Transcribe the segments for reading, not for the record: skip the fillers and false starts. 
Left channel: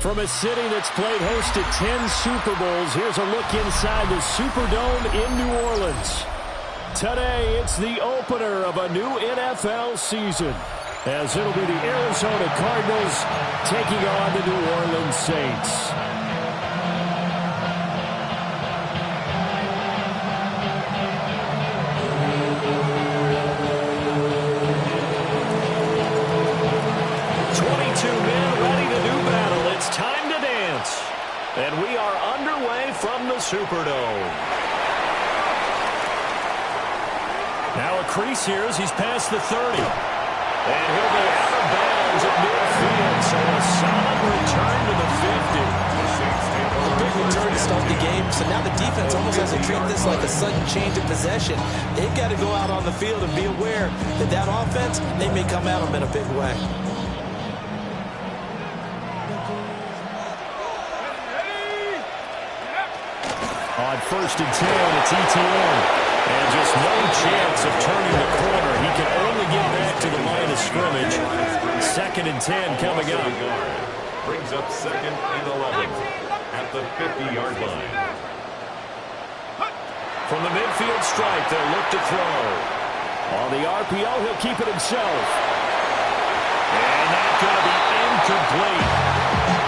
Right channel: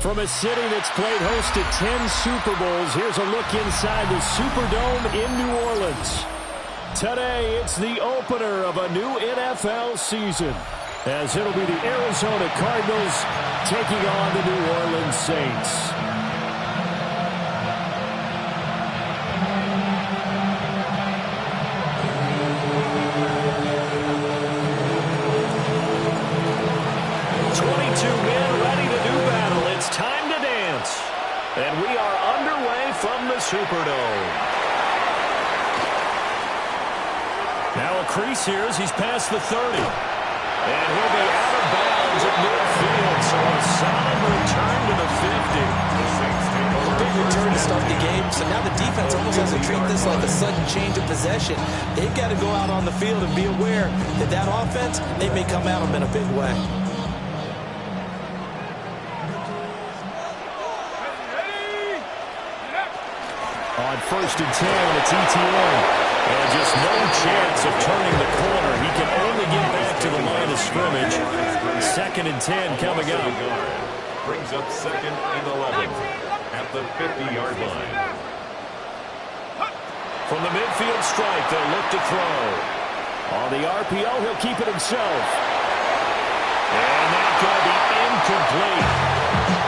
From a city that's played host to 10 Super Bowls, here's a look inside the Superdome in New Orleans. Today, it's the opener of a new NFL season, as it'll be the Arizona Cardinals taking on the New Orleans Saints. Time to dance. And we are underway from the Superdome. Now a crease here as he's past the 30. And he'll be out of bounds at midfield. So a solid return to the 50. Well, a big return to start the game. So now the defense almost has to treat this like a sudden change of possession. They've got to go out on the field and be aware that that offense, they may come at them in a big way. On 1st and 10, it's ETN. And just no chance of turning the corner. He can only get back to the line of scrimmage. 2nd and 10 coming up. Brings up 2nd and 11 at the 50-yard line. From the midfield stripe, they'll look to throw. On the RPO, he'll keep it himself. And that's going to be incomplete.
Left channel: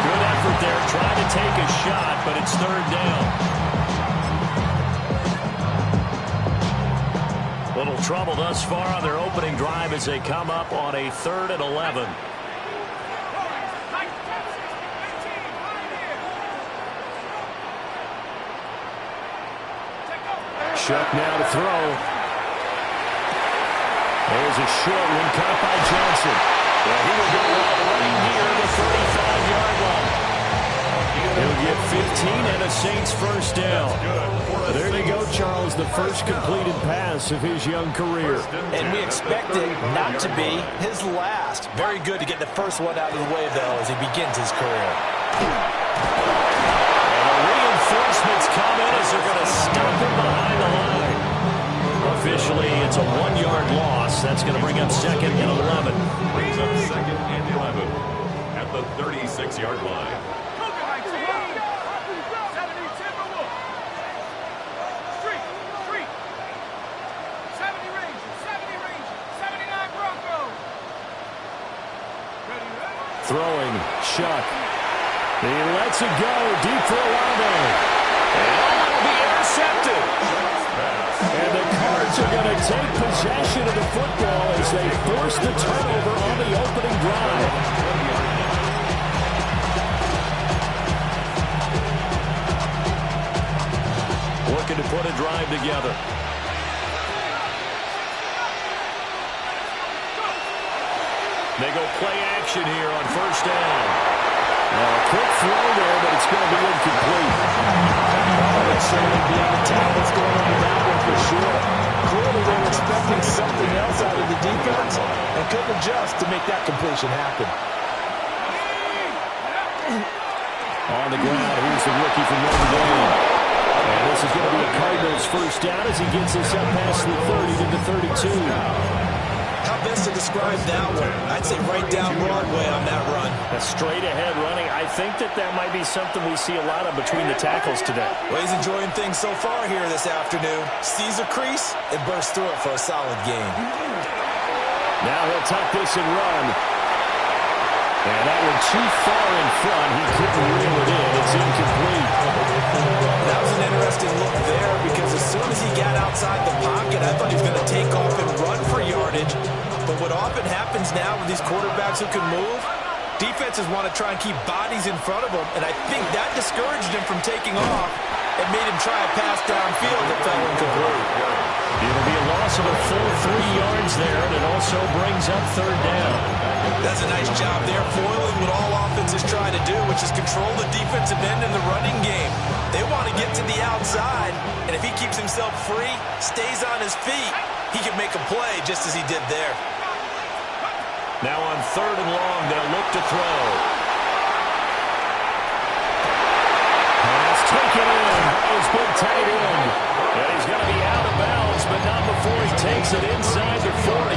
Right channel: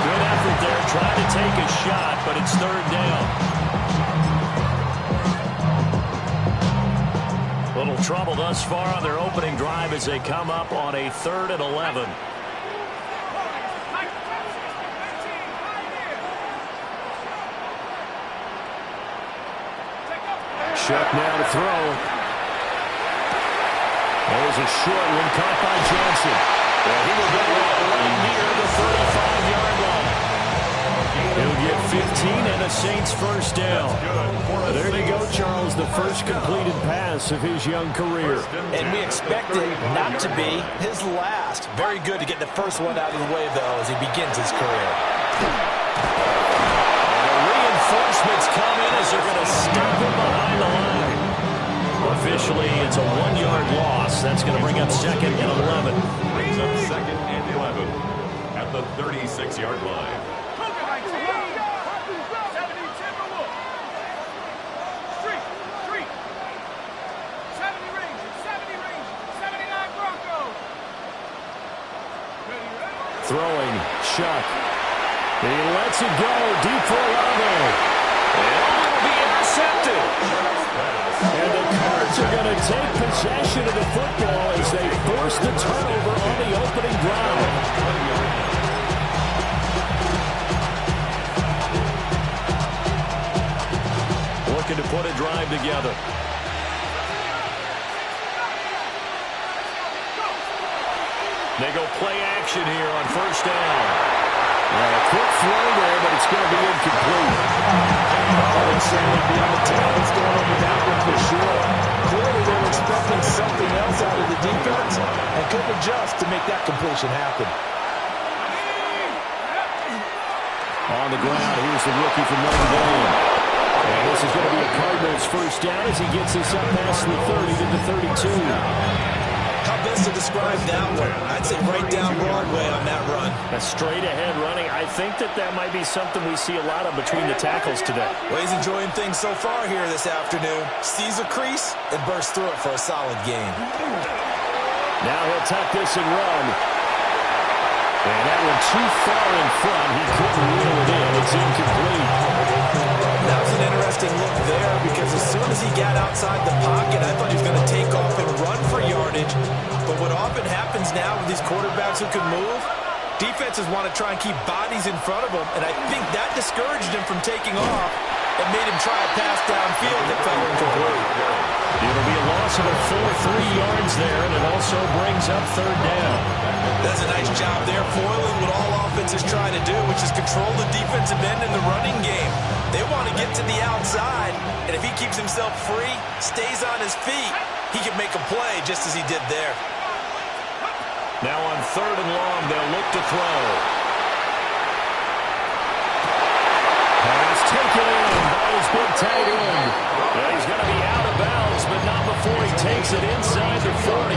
Good effort there, trying to take a shot, but it's 3rd down. Little trouble thus far on their opening drive as they come up on a 3rd and 11. Shook now to throw. There's a short one caught by Johnson. Yeah, he will go right near the 35-yard line. He'll get 15 and a Saints first down. There you go, Charles, the first completed pass of his young career. And we expect it not to be his last. Very good to get the first one out of the way, though, as he begins his career. And the reinforcements come in as they're going to stop him behind the line. Officially, it's a 1-yard loss. That's going to bring up 2nd and 11. Brings up 2nd and 11 at the 36-yard line. Throwing, Chuck. He lets it go deep for Olave. And it'll be intercepted. And the Cards are going to take possession of the football as they force the turnover on the opening drive. Looking to put a drive together. They go play action here on 1st down. Now a quick throw there, but it's going to be incomplete. Oh, they'll certainly be on the tablets going over that one for sure. Clearly they were expecting something else out of the defense and couldn't adjust to make that completion happen. On the ground, here's the rookie from Notre Dame. And this is going to be a Cardinals first down as he gets us up past the 30 to the 32. How best to describe that one? I'd say right down Broadway on that run. A straight-ahead running. I think that might be something we see a lot of between the tackles today. Well, he's enjoying things so far here this afternoon. Sees a crease and bursts through it for a solid gain. Now he'll tuck this and run. And that one too far in front. He couldn't reel it in. It's incomplete. That was an interesting look there because as soon as he got outside the pocket, I thought he was going to take off and run for yardage. But what often happens now with these quarterbacks who can move, defenses want to try and keep bodies in front of them, and I think that discouraged him from taking off and made him try a pass downfield that fell incomplete. It'll be a loss of a full 3 yards there, and it also brings up 3rd down. That's a nice job there, foiling what all offenses try to do, which is control the defensive end in the running game. They want to get to the outside, and if he keeps himself free, stays on his feet, he can make a play just as he did there. Now on 3rd and long, they'll look to throw. Pass taken in by his big tight end. And he's going to be out of bounds, but not before he takes it inside the 40.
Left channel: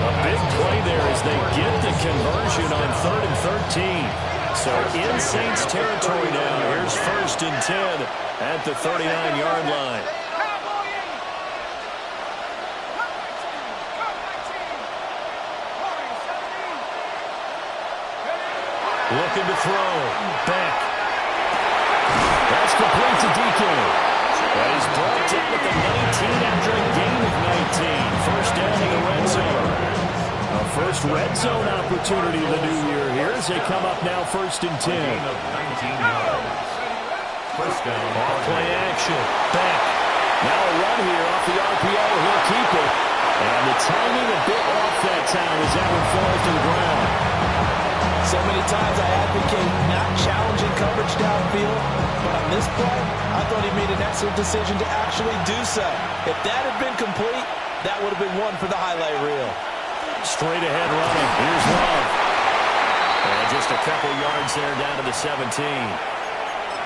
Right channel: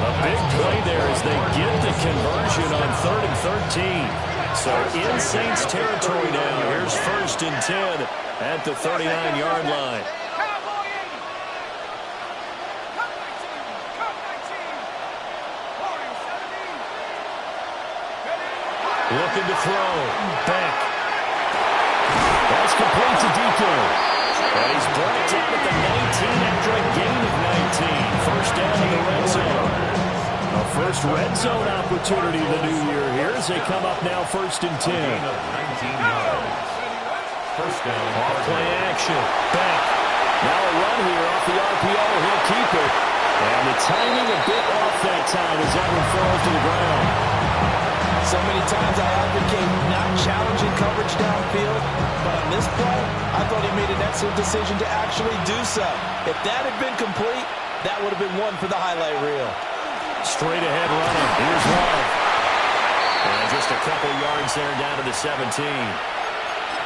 A big play there as they get the conversion on 3rd and 13. So in Saints territory now. Here's 1st and 10 at the 39-yard line. Looking to throw. Beck. That's complete to DK. And he's brought down at the 19 after a gain of 19. First down in the red zone. A first red zone opportunity of the new year here as they come up now 1st and 10. Gain of 19 yards. First down. Off play action. Beck. Now a run here off the RPO. He'll keep it. And the timing a bit off that time as that one falls to the ground. So many times I advocate not challenging coverage downfield, but on this play, I thought he made an excellent decision to actually do so. If that had been complete, that would have been one for the highlight reel. Straight ahead running. Here's Love. And just a couple yards there down to the 17.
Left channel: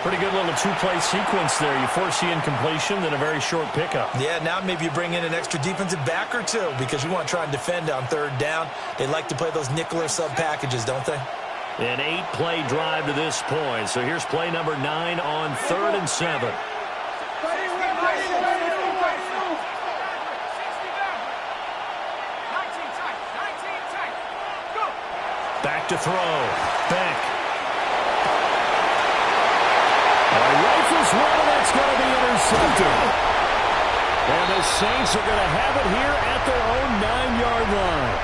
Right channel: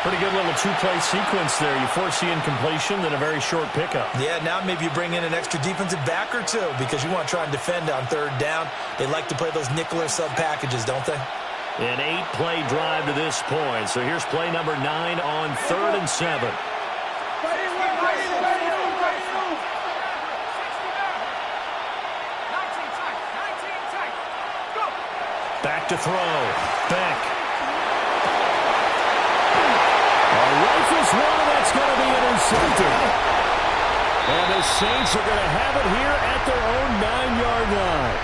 Pretty good little two-play sequence there. You force the incompletion, then a very short pickup. Yeah, now maybe you bring in an extra defensive back or two because you want to try and defend on 3rd down. They like to play those nickel or sub packages, don't they? An 8-play drive to this point. So here's play number 9 on 3rd and 7. Back to throw. Beck. Rifles one, and that's going to be intercepted. And the Saints are going to have it here at their own 9-yard line.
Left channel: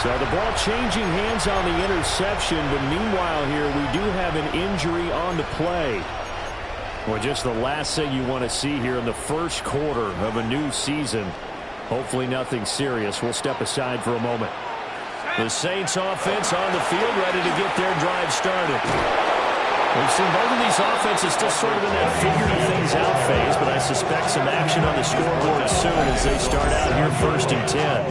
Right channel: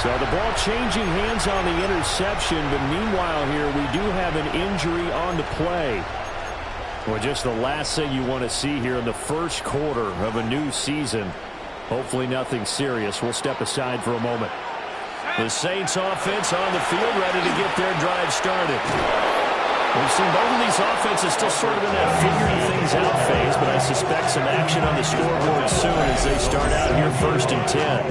So the ball changing hands on the interception, but meanwhile here we do have an injury on the play. Well, just the last thing you want to see here in the first quarter of a new season. Hopefully nothing serious. We'll step aside for a moment. The Saints offense on the field ready to get their drive started. We've seen both of these offenses still sort of in that figuring things out phase, but I suspect some action on the scoreboard soon as they start out here 1st and 10.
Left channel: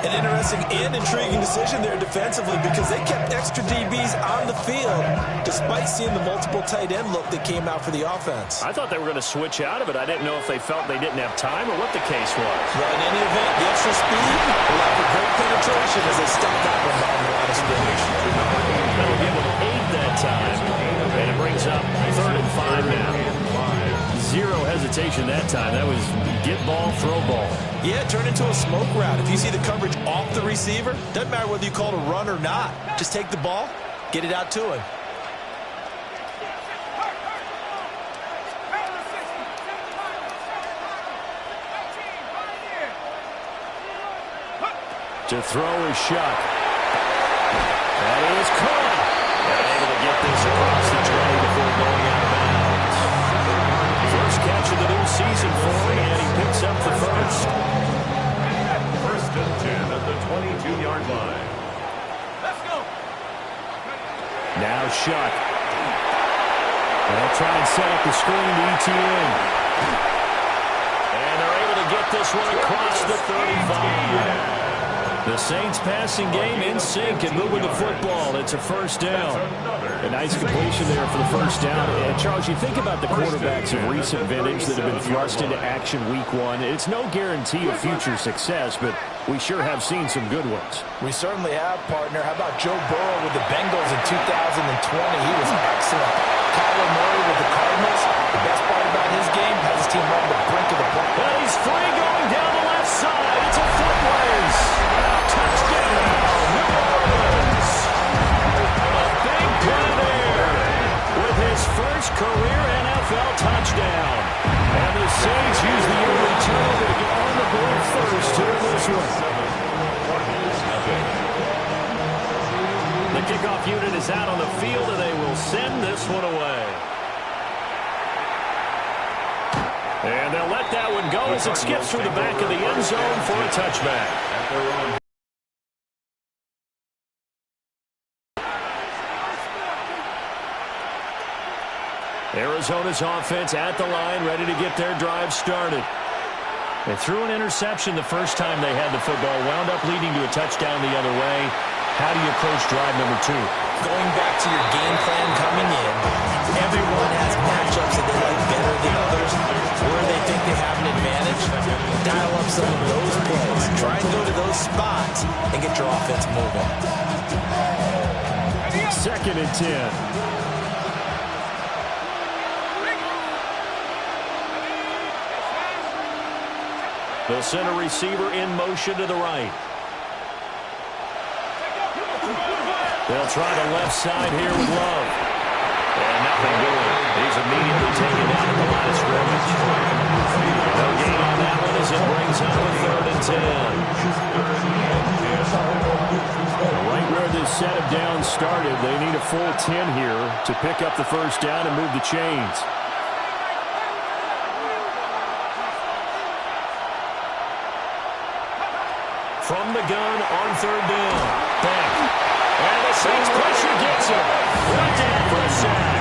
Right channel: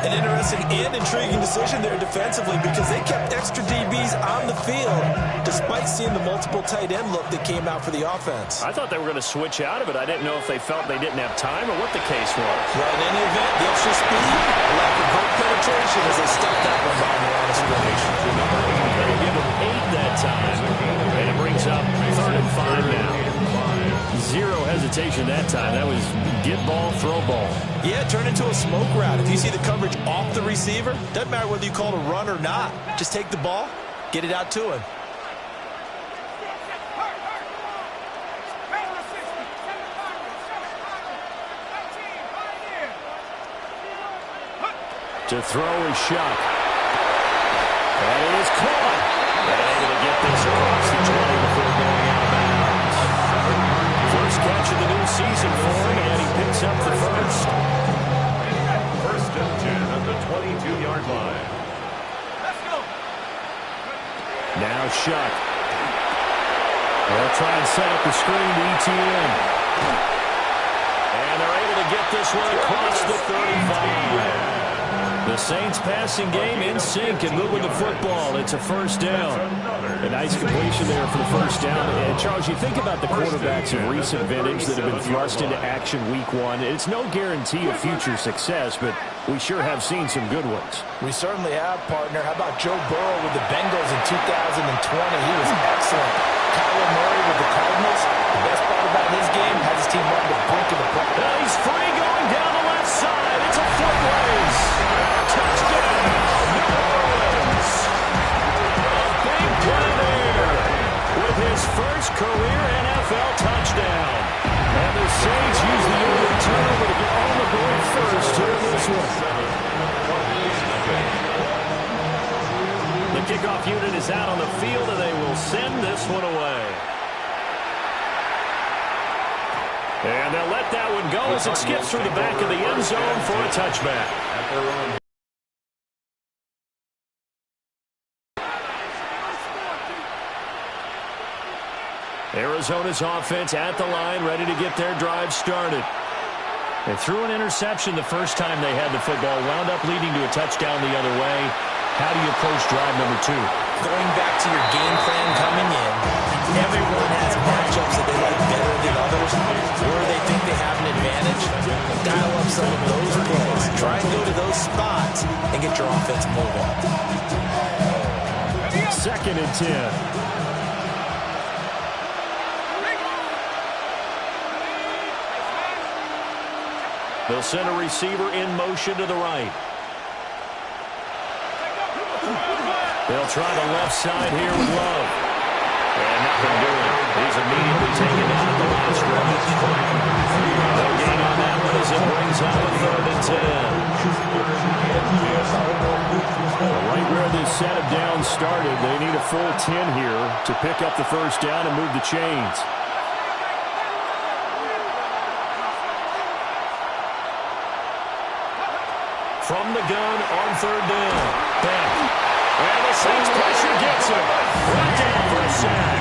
An interesting and intriguing decision there defensively because they kept extra DBs on the field despite seeing the multiple tight end look that came out for the offense. I thought they were going to switch out of it. I didn't know if they felt they didn't have time or what the case was. Well, in any event, the extra speed allowed for great penetration as they stuffed that one behind the line of scrimmage. That'll give them 8 that time, and it brings up 3rd and 5 now. Zero hesitation that time. That was get ball, throw ball. Yeah, turn into a smoke route. If you see the coverage off the receiver, doesn't matter whether you call it a run or not. Just take the ball, get it out to him. To throw is Shuck. That is caught. And able to get this across the 20 before going out of bounds. First catch of the new season for him, and he picks up the first. 1st and 10 at the 22-yard line. Let's go. Now Shuck. They'll try and set up the screen to ETN. And they're able to get this one across the 35. The Saints passing game in sync and moving the football. It's a 1st down. A nice completion there for the 1st down. And Charles, you think about the quarterbacks of recent vintage that have been thrust into action week 1. It's no guarantee of future success, but we sure have seen some good ones. We certainly have, partner. How about Joe Burrow with the Bengals in 2020? He was excellent. Kyler Murray with the Cardinals. The best part about his game has his team on the brink of the play. And he's free going down the left side. It's a foot race. Touchdown, New Orleans. A big play there with his first career NFL touchdown. And the Saints use the early turnover to get on the board first here in this one. The kickoff unit is out on the field, and they will send this one away. And they'll let that one go as it skips through the back of the end zone for a touchback. Arizona's offense at the line, ready to get their drive started. They threw an interception the first time they had the football, wound up leading to a touchdown the other way. How do you approach drive number 2? Going back to your game plan coming in, everyone has matchups that they like better than others, where they think they have an advantage. Dial up some of those plays. Try and go to those spots and get your offense moving. 2nd and 10. They'll send a receiver in motion to the right. They'll try the left side here with Love. And nothing doing. He's immediately taken down at the line of scrimmage. No gain on that one as it brings up a 3rd and 10. Right where this set of downs started, they need a full 10 here to pick up the first down and move the chains. From the gun on 3rd down. Back. And the Saints pressure gets him. Right down for a sack.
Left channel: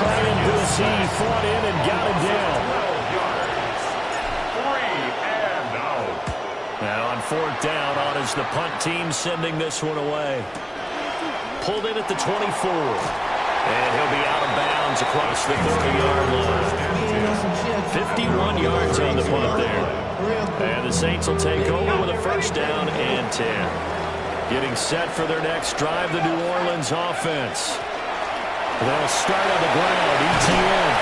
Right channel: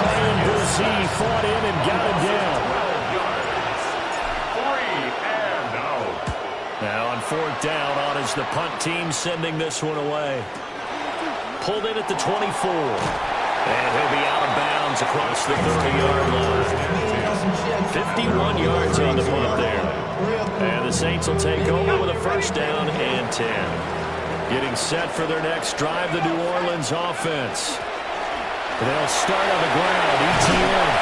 Ryan Boussey fought in and got him down. 3 and out. Now on 4th down, on is the punt team sending this one away. Pulled in at the 24. And he'll be out of bounds across the 30-yard line. 51 yards on the punt there. And the Saints will take over with a first down and 10. Getting set for their next drive, the New Orleans offense. They'll start on the ground. ETN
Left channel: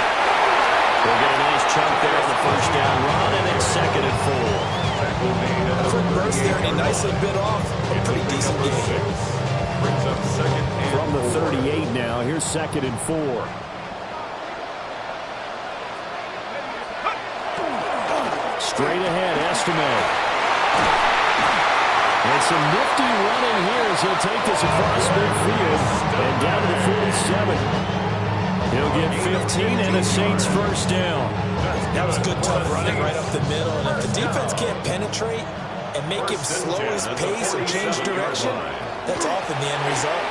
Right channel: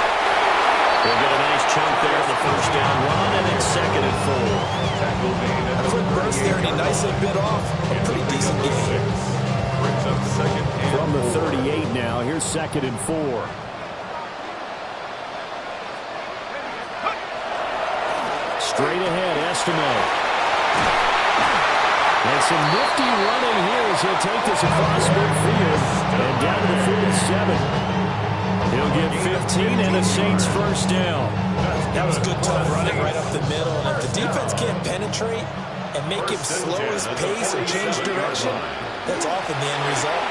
will get a nice chunk there on the first down run, and it's 2nd and 4. A quick burst there, and he nicely bit off a pretty decent game. Brings up 2nd and 4. From the 38 now, here's 2nd and 4. Straight ahead, Estime. And some nifty running here as he'll take this across midfield and down to the 47. He'll get 15 and a Saints first down. That was good tough running right up the middle. And if the defense can't penetrate and make him slow his pace or change direction, that's often the end result.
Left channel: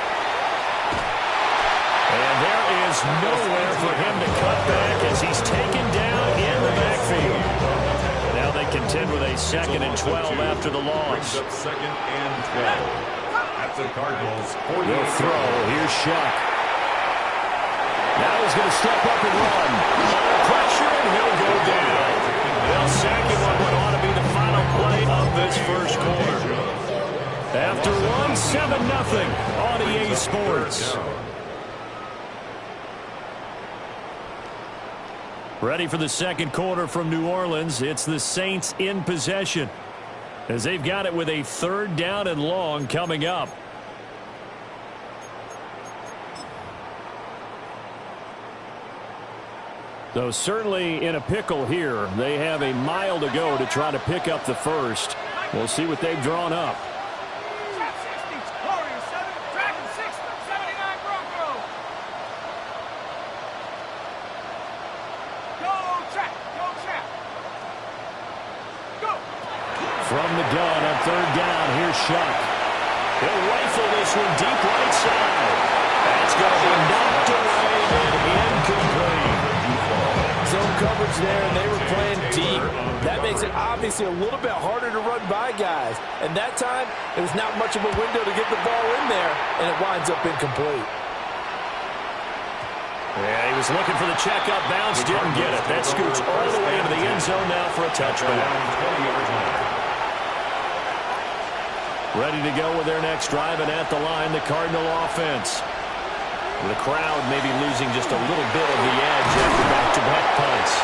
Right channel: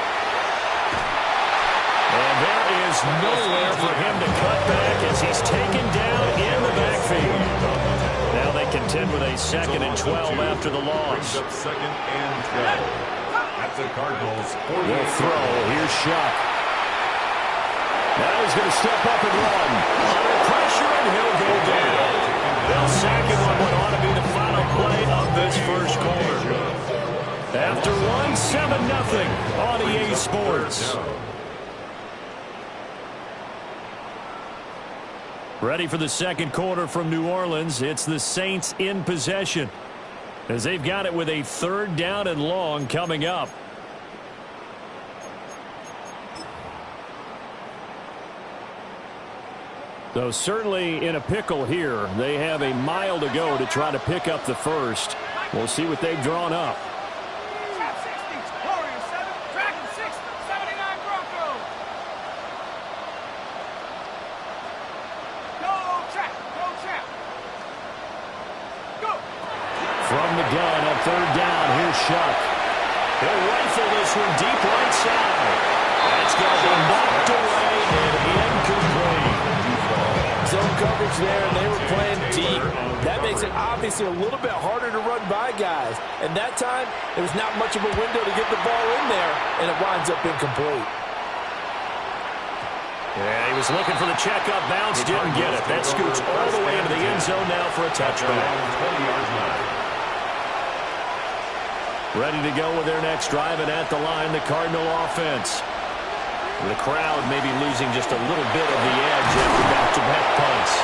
And there is nowhere for him to cut back as he's taken down in the backfield. Now they contend with a 2nd and 12 after the loss. 2nd and 12. At the Cardinals. They'll throw. Here's Shuck. Now he's going to step up and run. Under pressure, and he'll go down. They'll sack him on what ought to be the final play of this first quarter. After one, 7-0 on EA Sports. Ready for the second quarter from New Orleans. It's the Saints in possession as they've got it with a 3rd down and long coming up. So certainly in a pickle here. They have a mile to go to try to pick up the first. We'll see what they've drawn up. From the gun on 3rd down, here's Shuck. He'll rifle this one deep right side. That's going to be knocked away and incomplete. Zone coverage there, and they were playing deep. That makes it obviously a little bit harder to run by guys. And that time, there was not much of a window to get the ball in there, and it winds up incomplete. Yeah, he was looking for the checkup bounce, didn't get it. That scoots all the way into the end zone now for a touchback. Ready to go with their next drive, and at the line, the Cardinal offense. The crowd maybe losing just a little bit of the edge after back-to-back punts.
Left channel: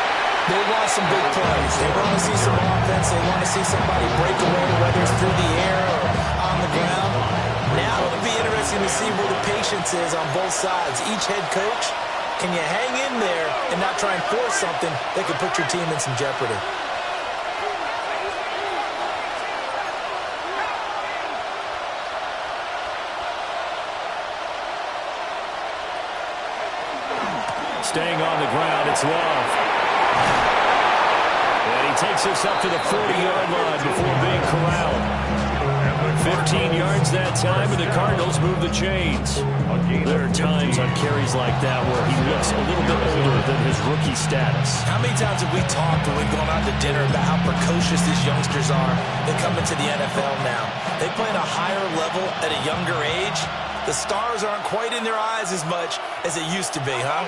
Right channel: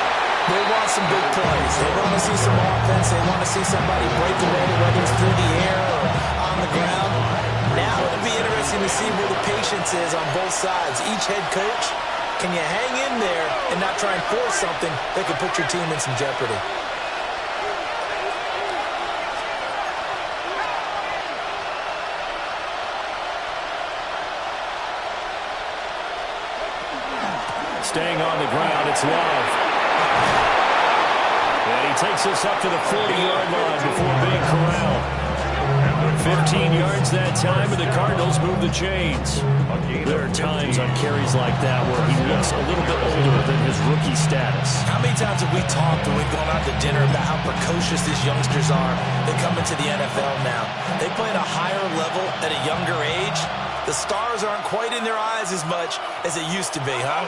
They want some big plays. They want to see some offense. They want to see somebody break away, whether it's through the air or on the ground. Now it'll be interesting to see where the patience is on both sides. Each head coach, can you hang in there and not try and force something that could put your team in some jeopardy? Staying on the ground, it's Love. And he takes us up to the 40-yard line before being corralled. 15 yards that time, and the Cardinals move the chains. There are times on carries like that where he looks a little bit older than his rookie status. How many times have we talked when we've gone out to dinner about how precocious these youngsters are? They come into the NFL now. They play at a higher level at a younger age. The stars aren't quite in their eyes as much as it used to be, huh?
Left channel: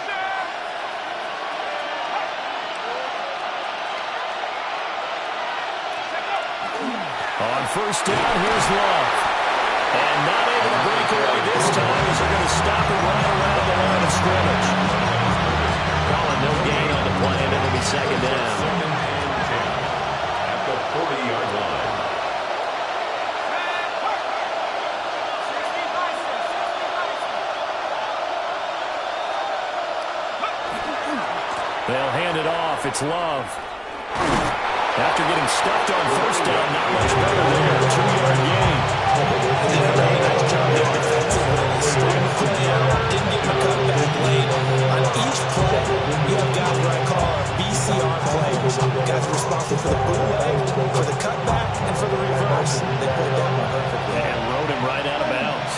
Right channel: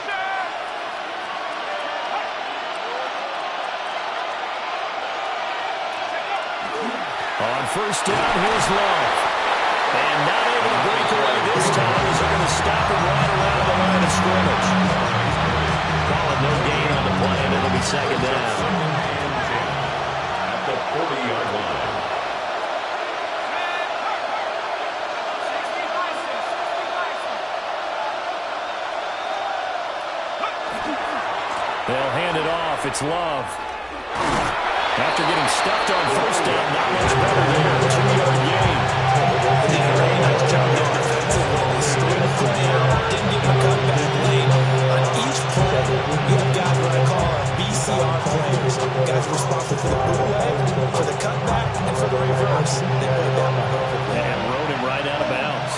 On first down, here's Love. And not able to break away this time as they're going to stop it right around the line of scrimmage. Calling no gain on the play, and it'll be second down. Second and 10 at the 40-yard line. They'll hand it off. It's Love. After getting stuffed on first down, not much better there. 2-yard gain. They did a really nice job there defensively. They started the play out, didn't give him a cutback late. On each play, you have guys what I call BCR players. Guys responsible for the bootleg, for the cutback, and for the reverse. They played that one perfectly. And rode him right out of bounds.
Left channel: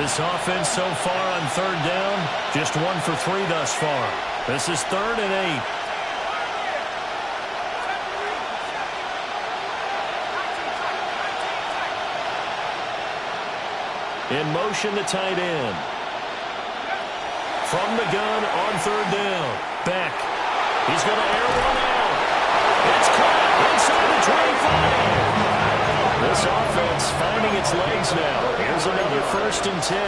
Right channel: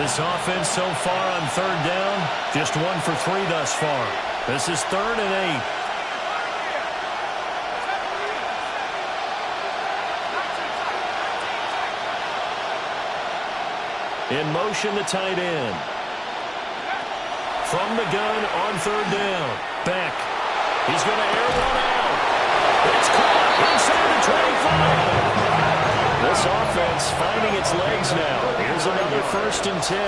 This offense so far on third down, just 1 for 3 thus far. This is 3rd and 8. In motion, the tight end. From the gun on third down. Beck. He's going to air one out. It's caught inside the 25. This offense finding its legs now. Here's another 1st and 10.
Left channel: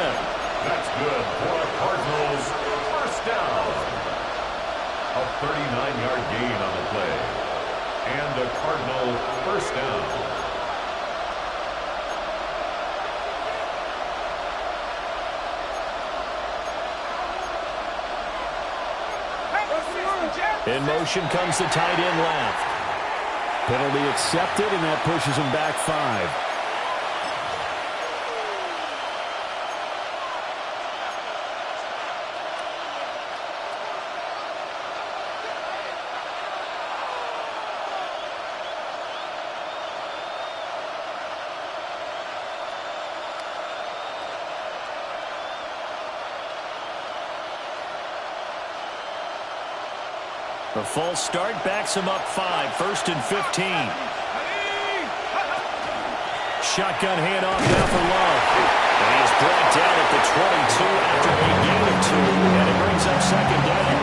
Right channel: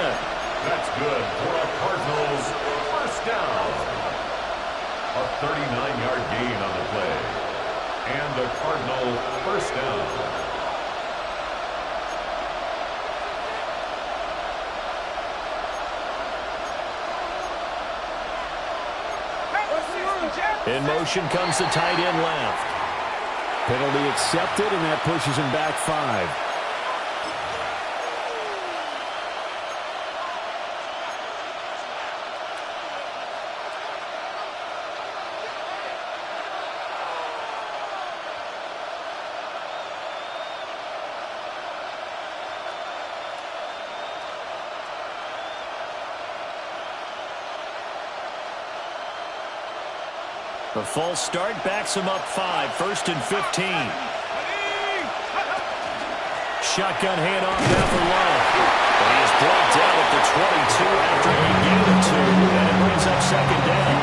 That's good for a Cardinals first down. A 39-yard gain on the play. And a Cardinal first down. In motion comes the tight end left. Penalty accepted, and that pushes him back 5. The false start backs him up 5, 1st and 15. Shotgun handoff now for Love. And he is brought down at the 22 after a gain of 2, and it brings up second down.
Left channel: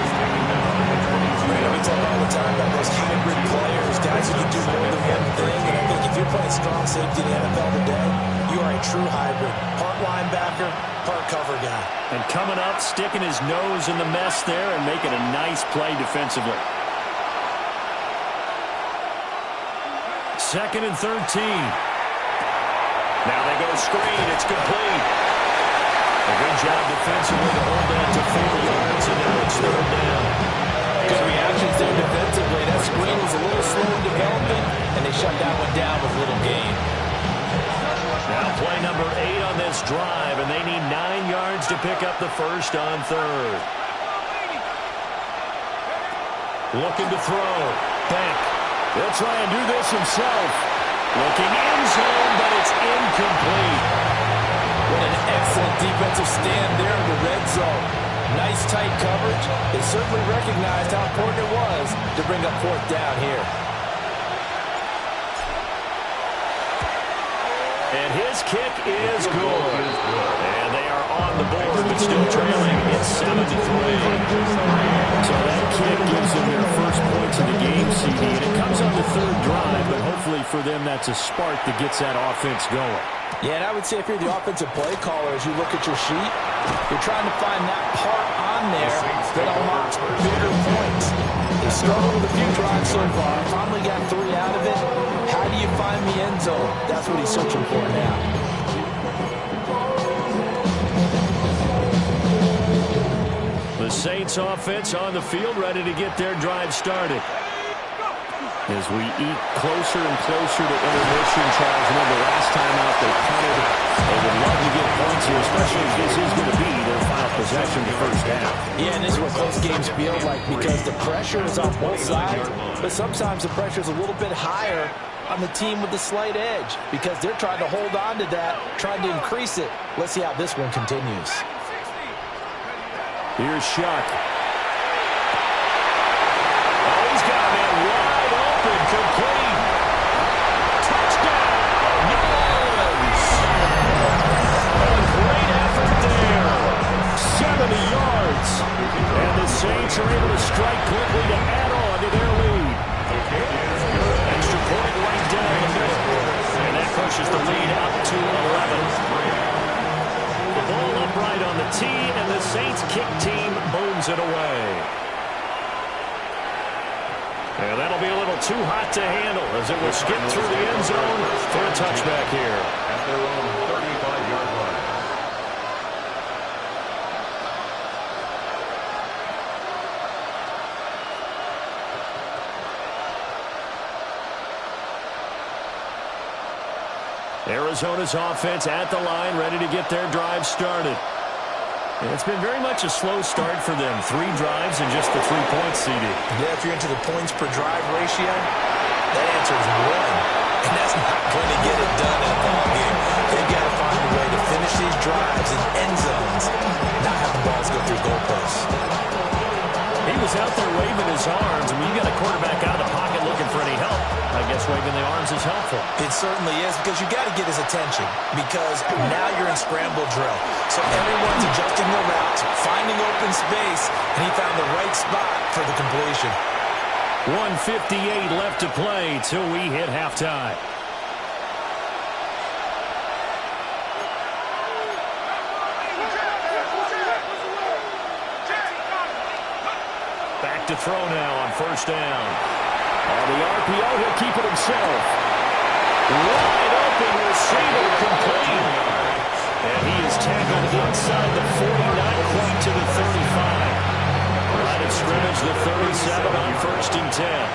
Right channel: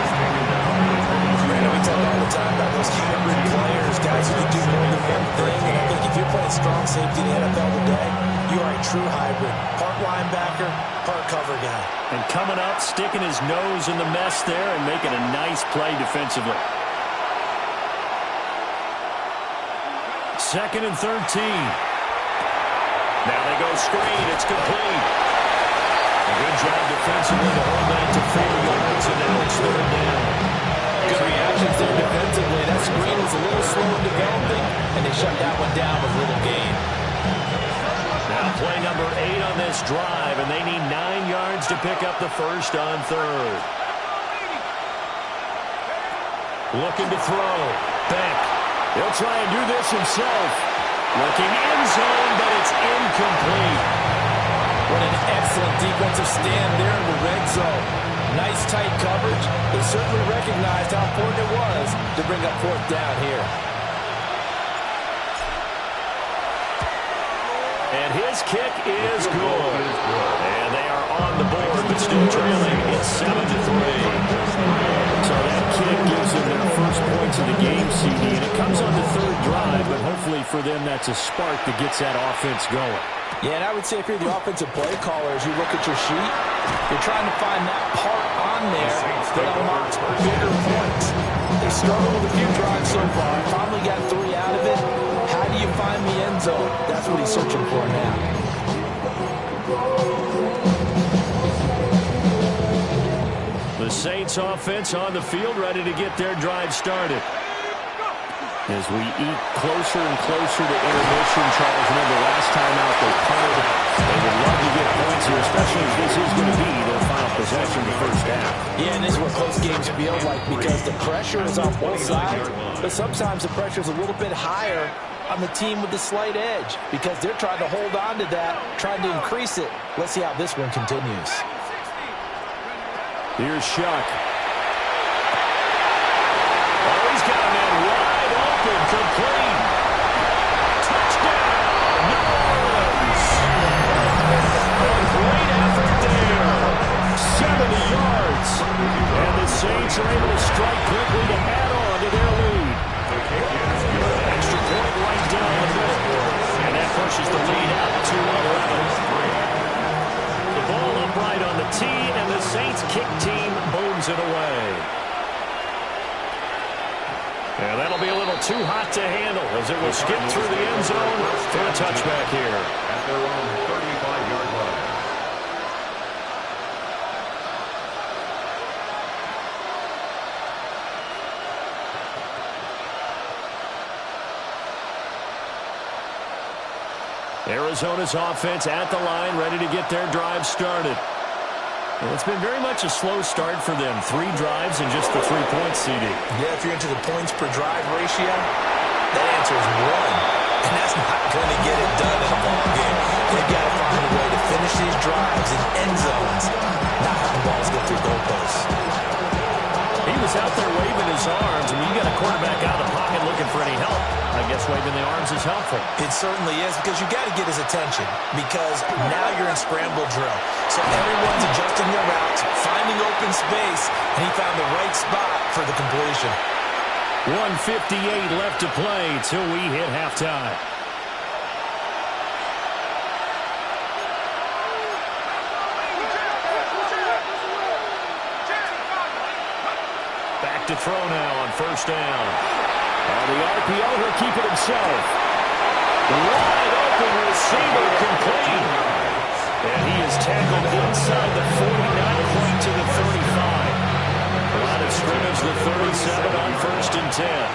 Brandon, we talk all the time about those hybrid players, guys who can do more than one thing. And I think if you're playing strong safety in the NFL today, you are a true hybrid. Part linebacker, part cover guy. And coming up, sticking his nose in the mess there and making a nice play defensively. 2nd and 13. Now they go screen. It's complete. A good job defensively to hold that to 4 yards, and now it's 3rd down. Good reactions there defensively. That screen was a little slow in developing, and they shut that one down with little gain. Now play number 8 on this drive, and they need 9 yards to pick up the first on 3rd. Looking to throw. Beck. He'll try and do this himself. Looking end zone, but it's incomplete. What an excellent defensive stand there in the red zone. Nice tight coverage. They certainly recognized how important it was to bring up 4th down here. And his kick is good. And they are on the board, but still trailing. It's 7-3. So that kick gives them their first points of the game, CD. And it comes on the 3rd drive, but hopefully for them that's a spark that gets that offense going. Yeah, and I would say if you're the offensive play caller, as you look at your sheet, you're trying to find that part on there that unlocks bigger points. They struggled with a few drives so far. Finally got 3 out of it. How do you find the end zone? That's what he's searching for now. The Saints offense on the field, ready to get their drive started. As we eat closer and closer to intermission, Charles, remember last time out they punted. They would love to get points here, especially if this is going to be their final possession the first half. Yeah, and this is what close games feel like because the pressure is on both sides, but sometimes the pressure is a little bit higher on the team with the slight edge because they're trying to hold on to that, trying to increase it. Let's see how this one continues. Here's Shuck. Oh, he's got a man wide open, complete. Touchdown, New Orleans. A great effort there. 70 yards. And the Saints are able to strike quickly to add on to their lead. The kick is good. to 11. The ball upright on the tee, and the Saints kick team booms it away. And that'll be a little too hot to handle as it will skip through the end zone for a touchback here. At their own 35-yard line. Arizona's offense at the line, ready to get their drive started. And it's been very much a slow start for them. 3 drives and just the 3 points, CD. Yeah, if you're into the points per drive ratio, that answer is 1. And that's not going to get it done in a ball game. They've got to find a way to finish these drives in end zones, not have the balls go through goalposts. He was out there waving his arms, and when you got a quarterback out of the pocket looking for any help, I guess waving the arms is helpful. It certainly is, because you got to get his attention, because now you're in scramble drill. So everyone's adjusting their routes, finding open space, and he found the right spot for the completion. 1:58 left to play till we hit halftime. Back to throw now on first down. On the RPO, he'll keep it himself. Wide open receiver complete. And he is tackled inside the 40, not quite to the 35. Line of scrimmage, the 37 on first and 10.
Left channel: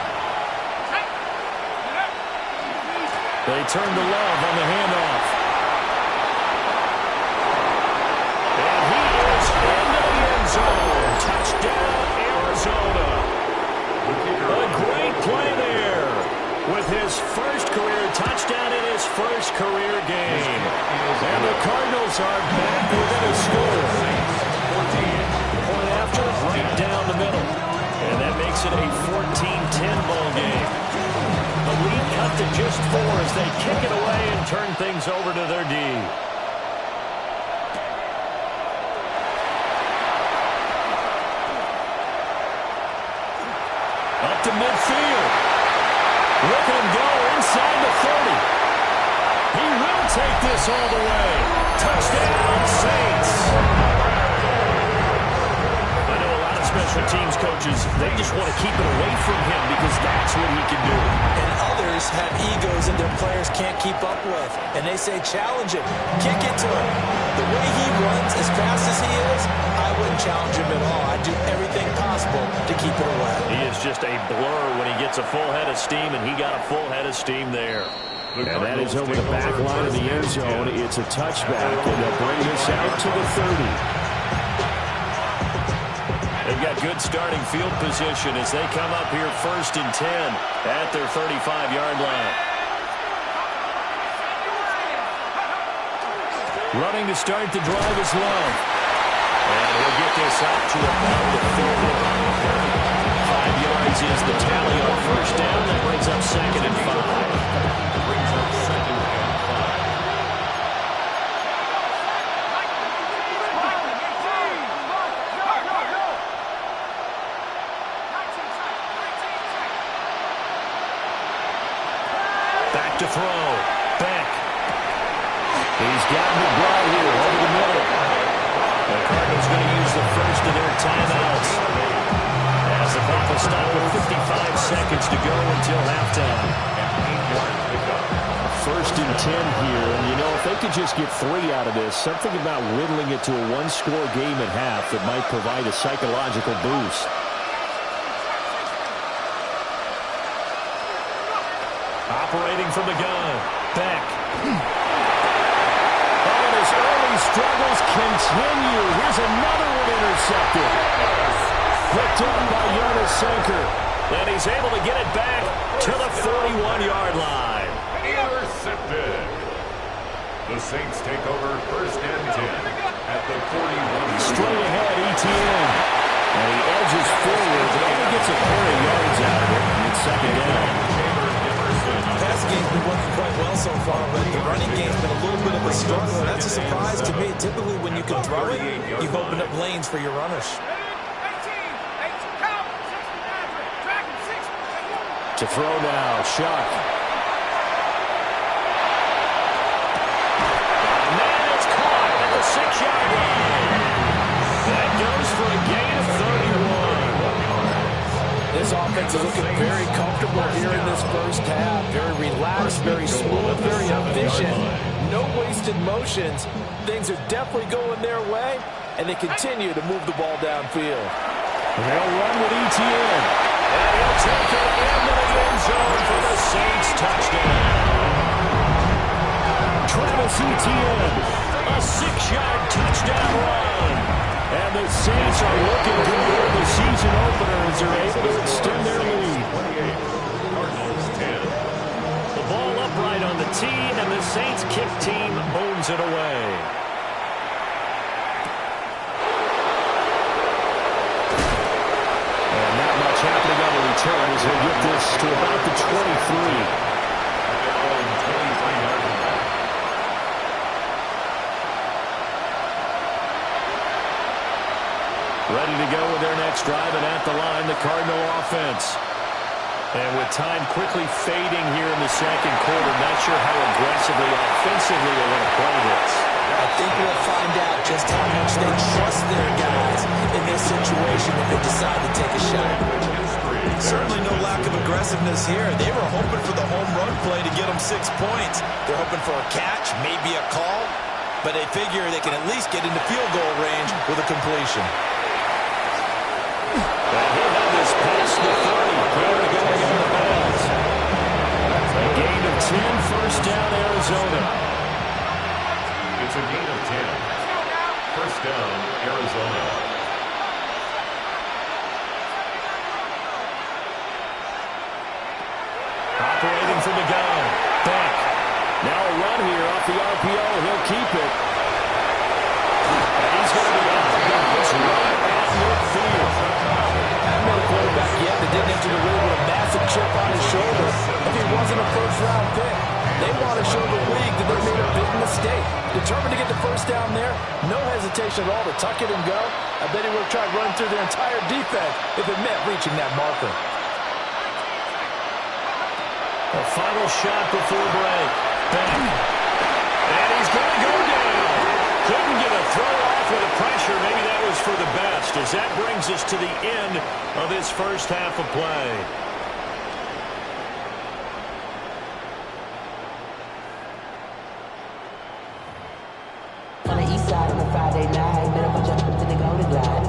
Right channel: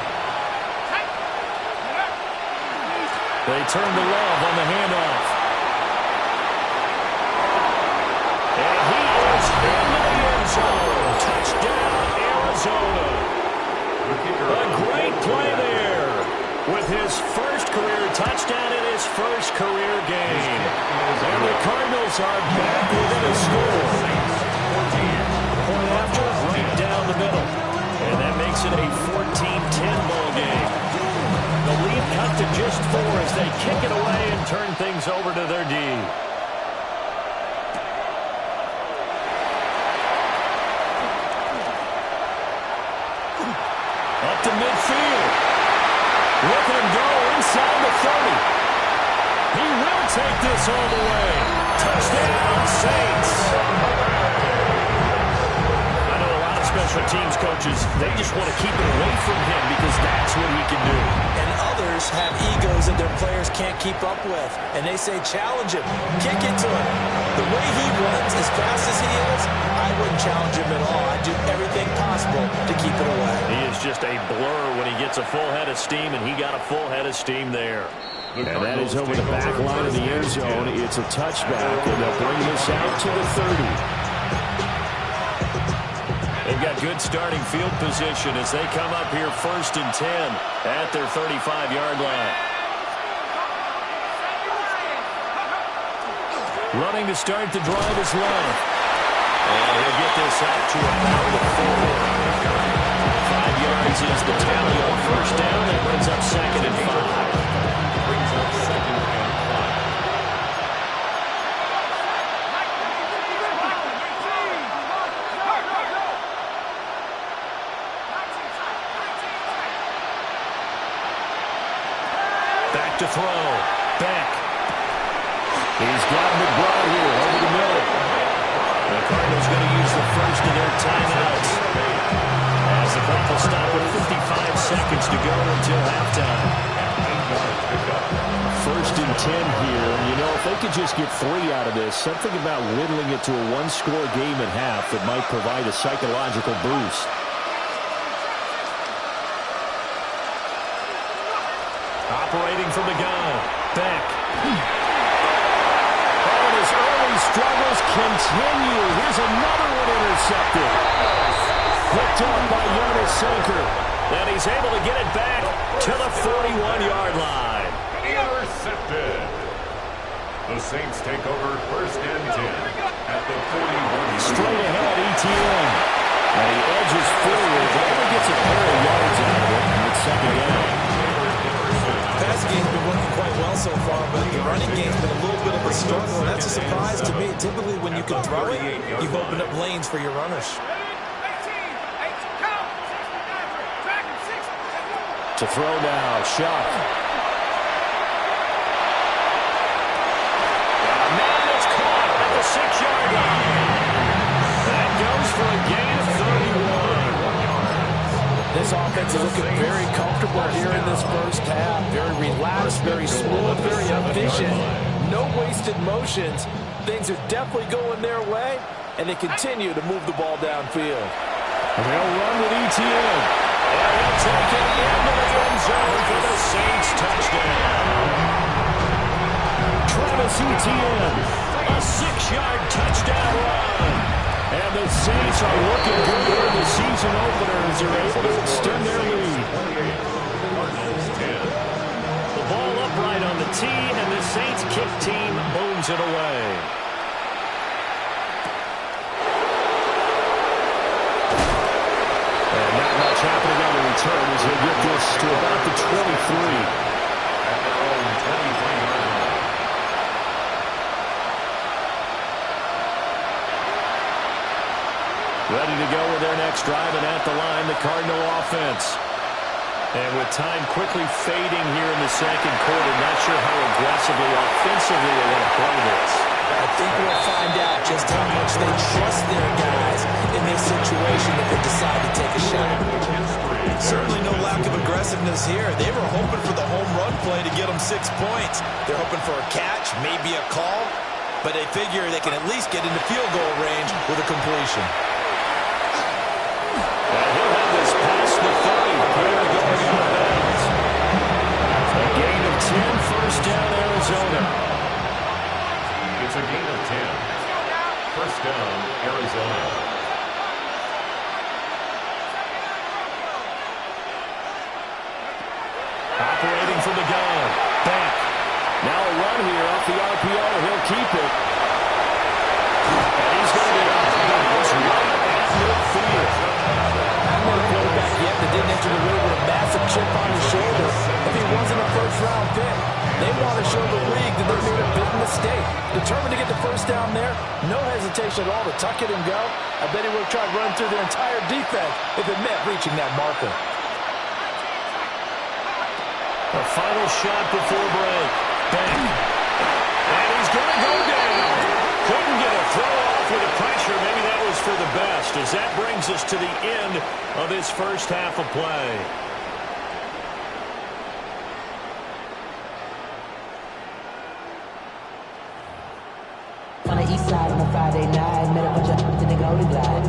They turn to Love on the handoff. And he is into the end zone. Touchdown, Arizona. A great play there with his first career touchdown in his first career game. And the Cardinals are back within a score. Point after, right down the middle. And that makes it a 14-10 ball game. The lead cut to just 4 as they kick it away and turn things over to their D. Up to midfield. Look at him go inside the 30. He will take this all the way. Touchdown, Saints. I know a lot of special teams coaches, they just want to keep it away from him because that's what he can do. And others have egos that their players can't keep up with. And they say, challenge him, kick it to him. The way he runs as fast as he is, I wouldn't challenge him at all. I'd do everything possible to keep it away. He is just a blur when he gets a full head of steam, and he got a full head of steam there. And that is over the back line of the end zone. It's a touchback, and they'll bring this out to the 30. They've got good starting field position as they come up here first and 10 at their 35-yard line. Running to start the drive is Love. And he'll get this out to about the 4. 5 yards is the tally on first down. That brings up second and 5. Back to throw. Beck. He's got McBride here over the middle. The Cardinals going to use the first of their timeouts as the clock will stop with 55 seconds to go until halftime. 8 yards picked up. First and 10 here. And, you know, if they could just get 3 out of this, something about whittling it to a 1-score game at half that might provide a psychological boost. Operating from the gun. Beck. Oh, and his early struggles continue. Here's another one intercepted. Picked off by Jonas Sanker. And he's able to get it back to the 41-yard line. Intercepted. The Saints take over first and 10 at the 41. Straight ahead, ETN. And he edges forward, but only gets a pair of yards out of it. And it's second down. Passing game's been working quite well so far, but the running game's been a little bit of a struggle, and that's a surprise to me. Typically, when you can throw it, you've opened up lanes for your runners. To throw now, Shuck. 6-yard line. That goes for a gain of 31. This offense is looking very comfortable here in this first half. Very relaxed, very smooth, very efficient. No wasted motions. Things are definitely going their way, and they continue to move the ball downfield. They'll run with Etienne. And he'll take it into the end zone for the Saints touchdown. Travis Etienne, a 6-yard touchdown run. And the Saints are looking good here in the season opener as they're able to extend their lead. 28, Cardinals 10. The ball upright on the tee, and the Saints kick team booms it away. And not much happening on the return as they get this to about the 23. At their own 23-yard line. Ready to go with their next drive, and at the line, the Cardinal offense. And with time quickly fading here in the second quarter, not sure how aggressively, offensively they want to play this. I think we'll find out just how much they trust their guys in this situation if they decide to take a shot. Certainly no lack of aggressiveness here. They were hoping for the home run play to get them 6 points. They're hoping for a catch, maybe a call, but they figure they can at least get into field goal range with a completion. And he'll have this past the 30. Clear to go again with bounds. A gain of 10, first down, Arizona. It's a gain of 10. First down, Arizona. Operating from the gun. Back. Now a run here off the RPO. He'll keep it. And he's going to be off the bounds right at midfield. I haven't met a quarterback yet that didn't enter the league with a massive chip on his shoulder if he wasn't a first-round pick. They want to show the league that they made a big mistake. Determined to get the first down there, no hesitation at all to tuck it and go. I bet he would have tried running through their entire defense if it meant reaching that marker. A final shot before break. Back. And he's going to go down. Couldn't get a throw off with the pressure. Maybe that was for the best, as that brings us to the end of this first half of play. On the east side on a Friday night, met a bunch of to the Golden Glide.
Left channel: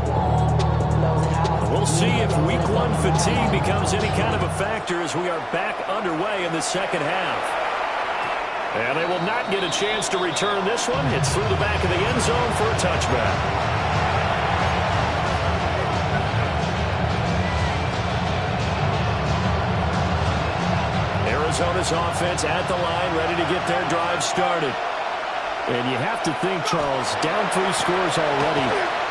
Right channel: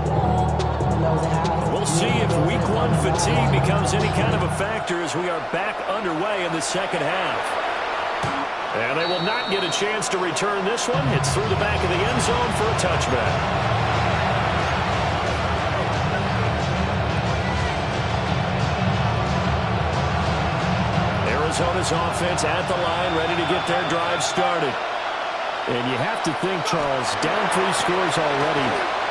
We'll see if week one fatigue becomes any kind of a factor as we are back underway in the second half. And they will not get a chance to return this one. It's through the back of the end zone for a touchback. Arizona's offense at the line, ready to get their drive started. And you have to think, Charles, down 3 scores already.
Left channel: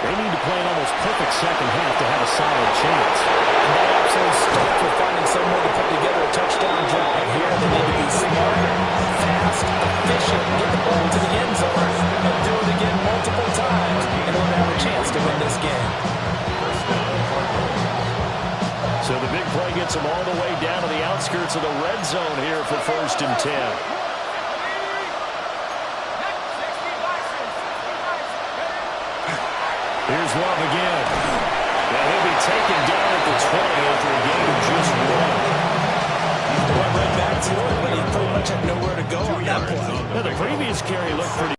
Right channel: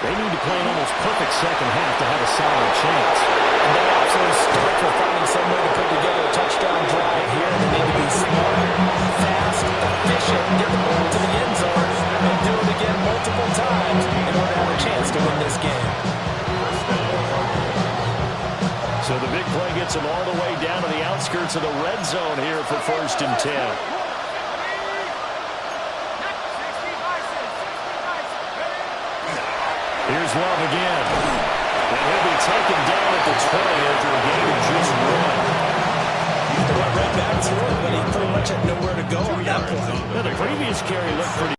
They need to play an almost perfect second half to have a solid chance. And that absolutely starts with finding some way to put together a touchdown drive here. They need to be smart, fast, efficient, get the ball to the end zone, and do it again multiple times in order to have a chance to win this game. So the big play gets them all the way down to the outskirts of the red zone here for 1st and 10. Here's Love again. And he'll be taken down at the 20 after a gain of just 1. He went right back to it, but he pretty much had nowhere to go on that play. Now, the previous carry looked pretty.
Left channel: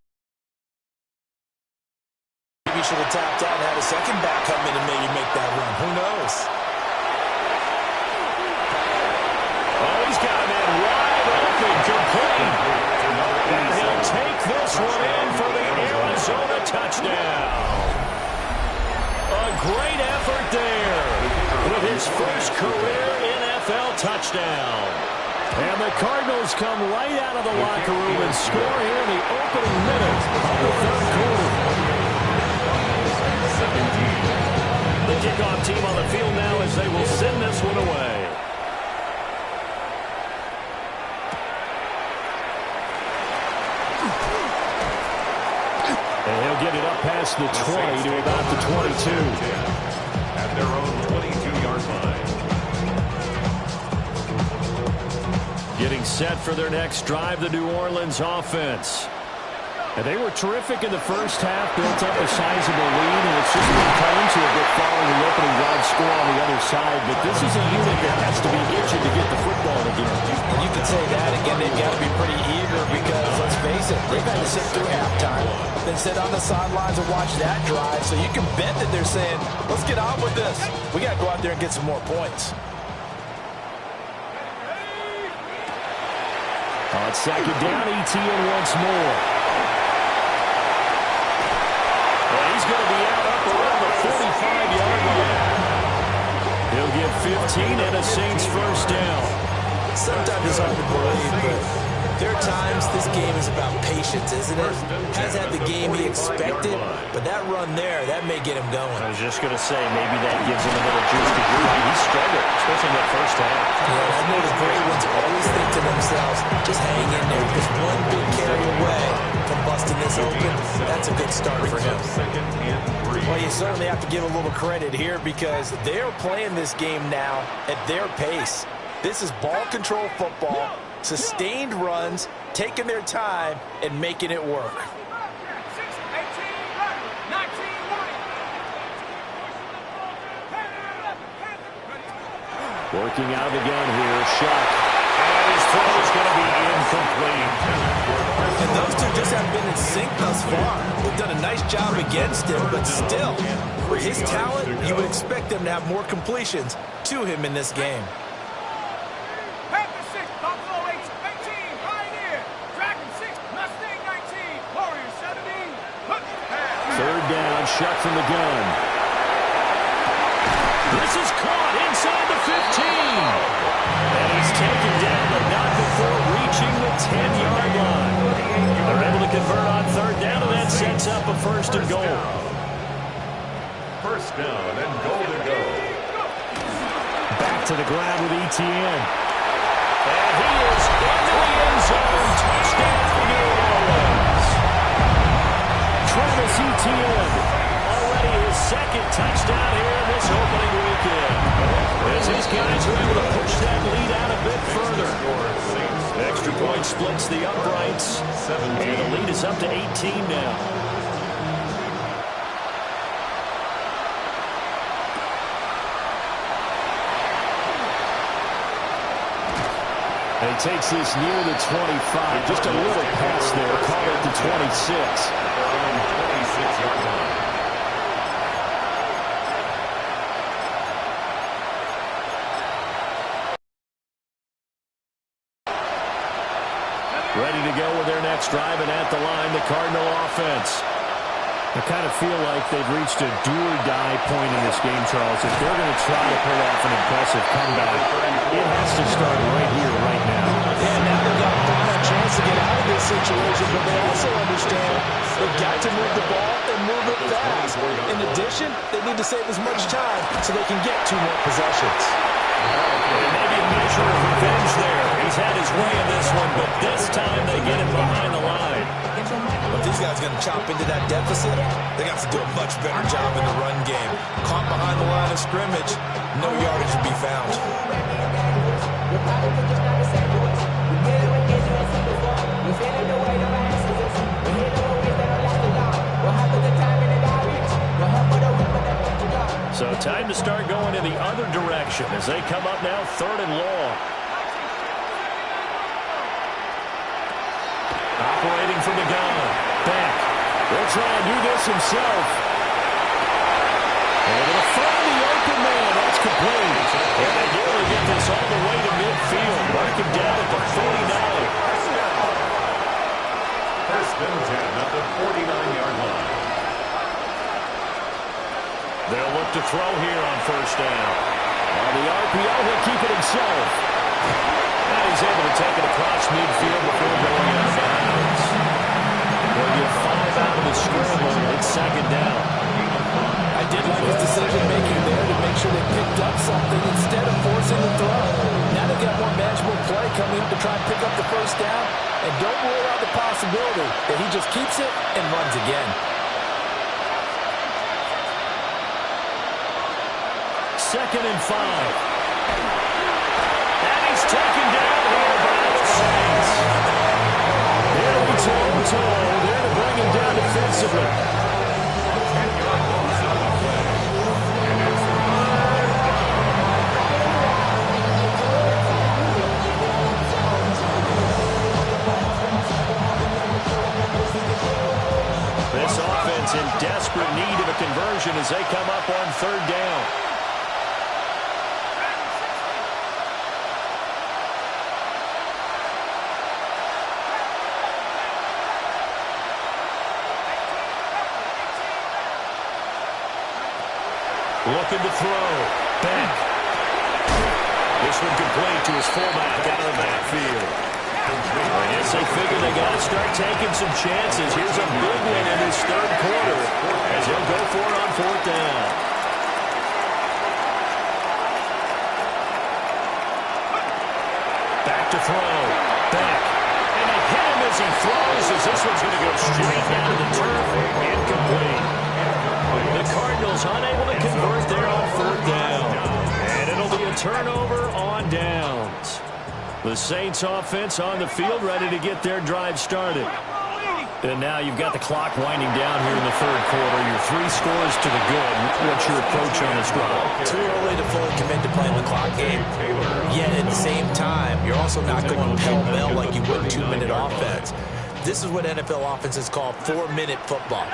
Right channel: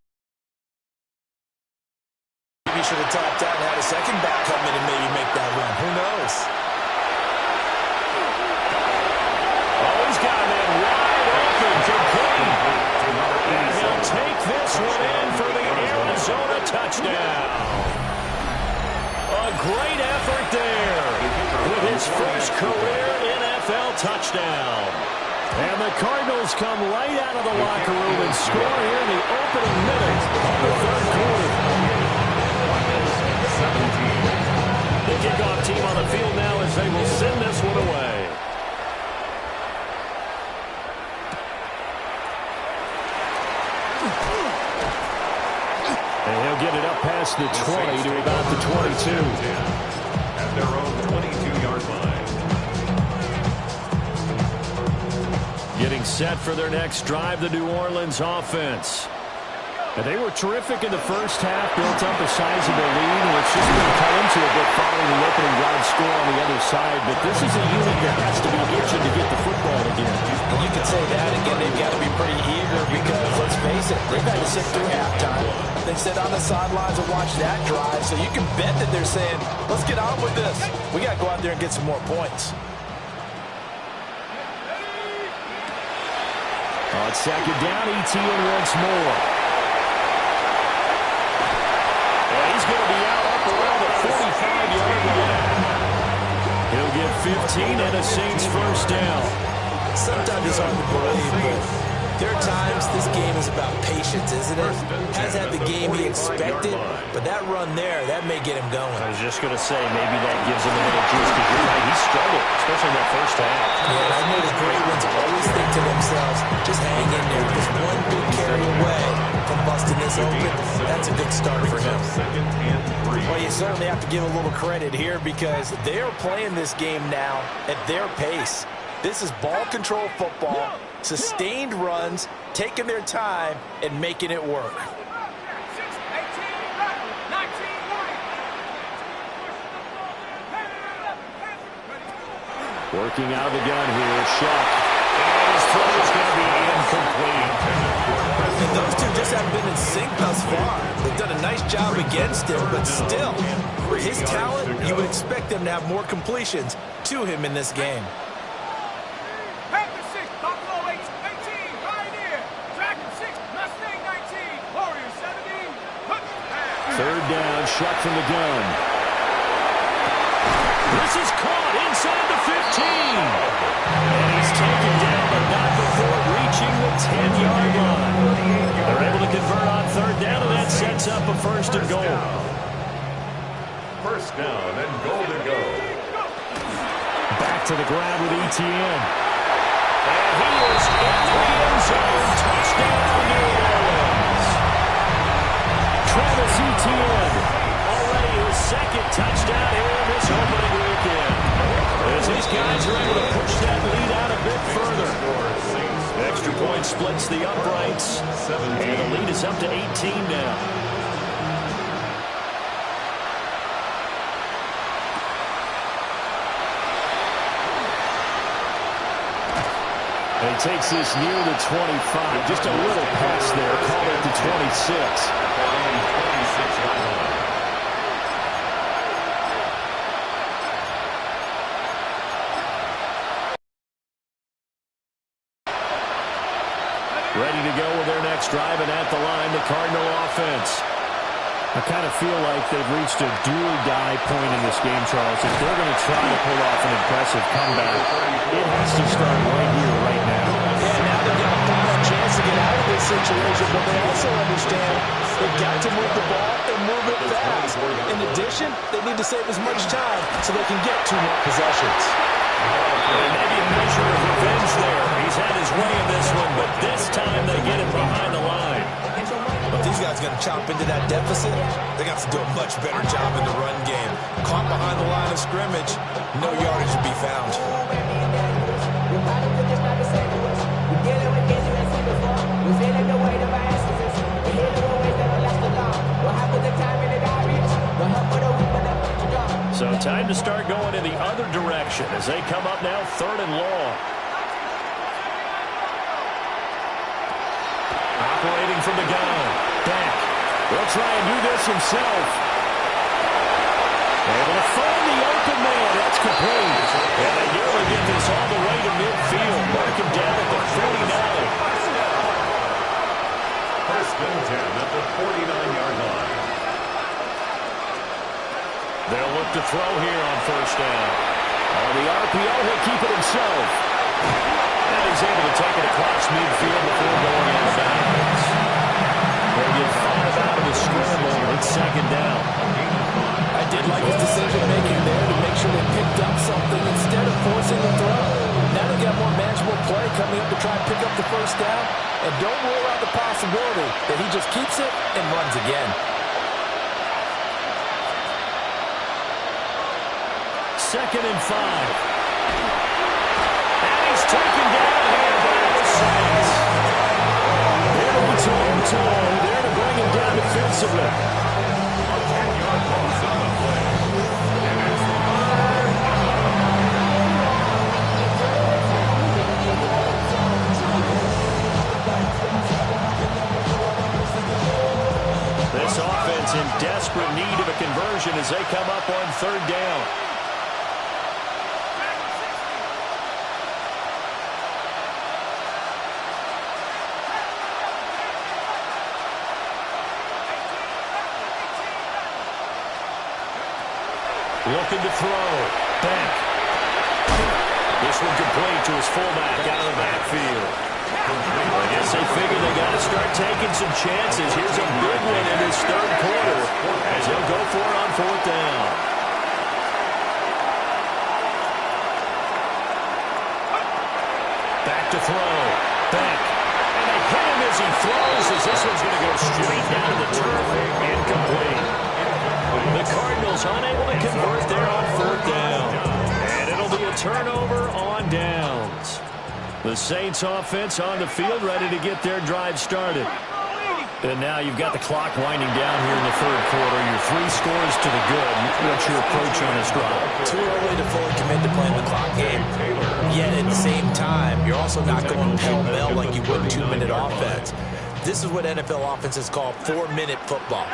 Maybe he should have tapped out and had a second back come in and maybe make that run. Who knows? Oh, he's got a man wide open, complete. And he'll take this one in for the Arizona touchdown. A great effort there with his first career NFL touchdown. And the Cardinals come right out of the locker room and score here in the opening minute of the third quarter. 17. The kickoff team on the field now as they will send this one away. And he'll get it up past the 20 to about the 22. At their own 22-yard line. Getting set for their next drive, the New Orleans offense. And they were terrific in the first half, built up a sizable lead, and it's just been cut into a bit following the opening drive score on the other side. But this is a unit that has to be itching to get the football again. And you can say that again. They've got to be pretty eager because, let's face it, they've had to sit through halftime, then sit on the sidelines and watch that drive. So you can bet that they're saying, let's get on with this. We got to go out there and get some more points. On second down, ETN once more. And he's going to be out up around the 45-yard line. He'll get 15 and a Saints first down. Sometimes it's hard to believe, but there are times this game is about patience, isn't it? Has had the game he expected, but that run there, that may get him going. I was just going to say, maybe that gives him a little juice, because you're right, he struggled, especially in that first half. Yeah, and I know the great ones always think to themselves, just hang in there. Just one big carry away from busting this open. That's a good start for him. Well, you certainly have to give a little credit here because they're playing this game now at their pace. This is ball control football, sustained runs, taking their time, and making it work. Working out of the gun here, Shuck. And his throw is going to be incomplete. And those two just haven't been in sync thus far. They've done a nice job against him, but still, for his talent, you would expect them to have more completions to him in this game. Third down, Shuck from the gun. This is caught inside the 15. And he's taken down, but not before reaching the 10-yard line. They're able to convert on third down, and that sets up a first and goal. First down and goal to go. Back to the ground with ETN. And he is into the end zone. Touchdown, New Orleans. Travis Etienne, already his second touchdown here in this opening weekend. As these guys are able to push that lead out a bit further. Extra point splits the uprights, and the lead is up to 18 now. And he takes this near the 25. Just a little pass there. Call it the 26. Their own 26-yard line. Ready to go with their next drive, and at the line, the Cardinal offense. I kind of feel like they've reached a do-or-die point in this game, Charles. If they're going to try to pull off an impressive comeback, it has to start right here, right now. Yeah, now they've got a final chance to get out of this situation, but they also understand they've got to move the ball and move it fast. In addition, they need to save as much time so they can get 2 more possessions. And maybe a measure of revenge there. He's had his way in this one, but this time they get it behind the line. But these guys are going to chop into that deficit. They got to do a much better job in the run game. Caught behind the line of scrimmage, no yardage to be found. So time to start going in the other direction as they come up now 3rd and long. Operating from the gun. Back. Will try and do this himself. Able to find the open man. That's complete. And they nearly get this all the way to midfield. Mark him down at the 49. First and 10 at the 49-yard line. They'll look to throw here on first down. On the RPO, he'll keep it himself. And he's able to take it across midfield before going out of bounds. He'll get 5 out of the scramble. It's second down. I did like his decision-making there to make sure they picked up something instead of forcing the throw. Now they've got more manageable play coming up to try and pick up the first down. And don't rule out the possibility that he just keeps it and runs again. Second and 5. And he's taken down here by the Saints. They'll be toe-to-toe. There to bring defensively. A 10-yard loss on the play. And it's third down. This offense in desperate need of a conversion as they come up on third down. Looking to throw. Beck. This one complete to his fullback out of the backfield. I guess they figured they got to start taking some chances. Here's a big one in this third quarter as he'll go for it on fourth down. Back to throw. Beck. And they hit him as he throws as this one's going to go straight down to the turf. Incomplete. The Cardinals unable to convert there on fourth down. And it'll be a turnover on downs. The Saints offense on the field ready to get their drive started. And now you've got the clock winding down here in the third quarter. Your 3 scores to the good. What's your approach on this drive? Too early to fully commit to playing the clock game. Yet at the same time, you're also not going pell-mell like you would 2-minute offense. This is what NFL offenses call 4-minute football.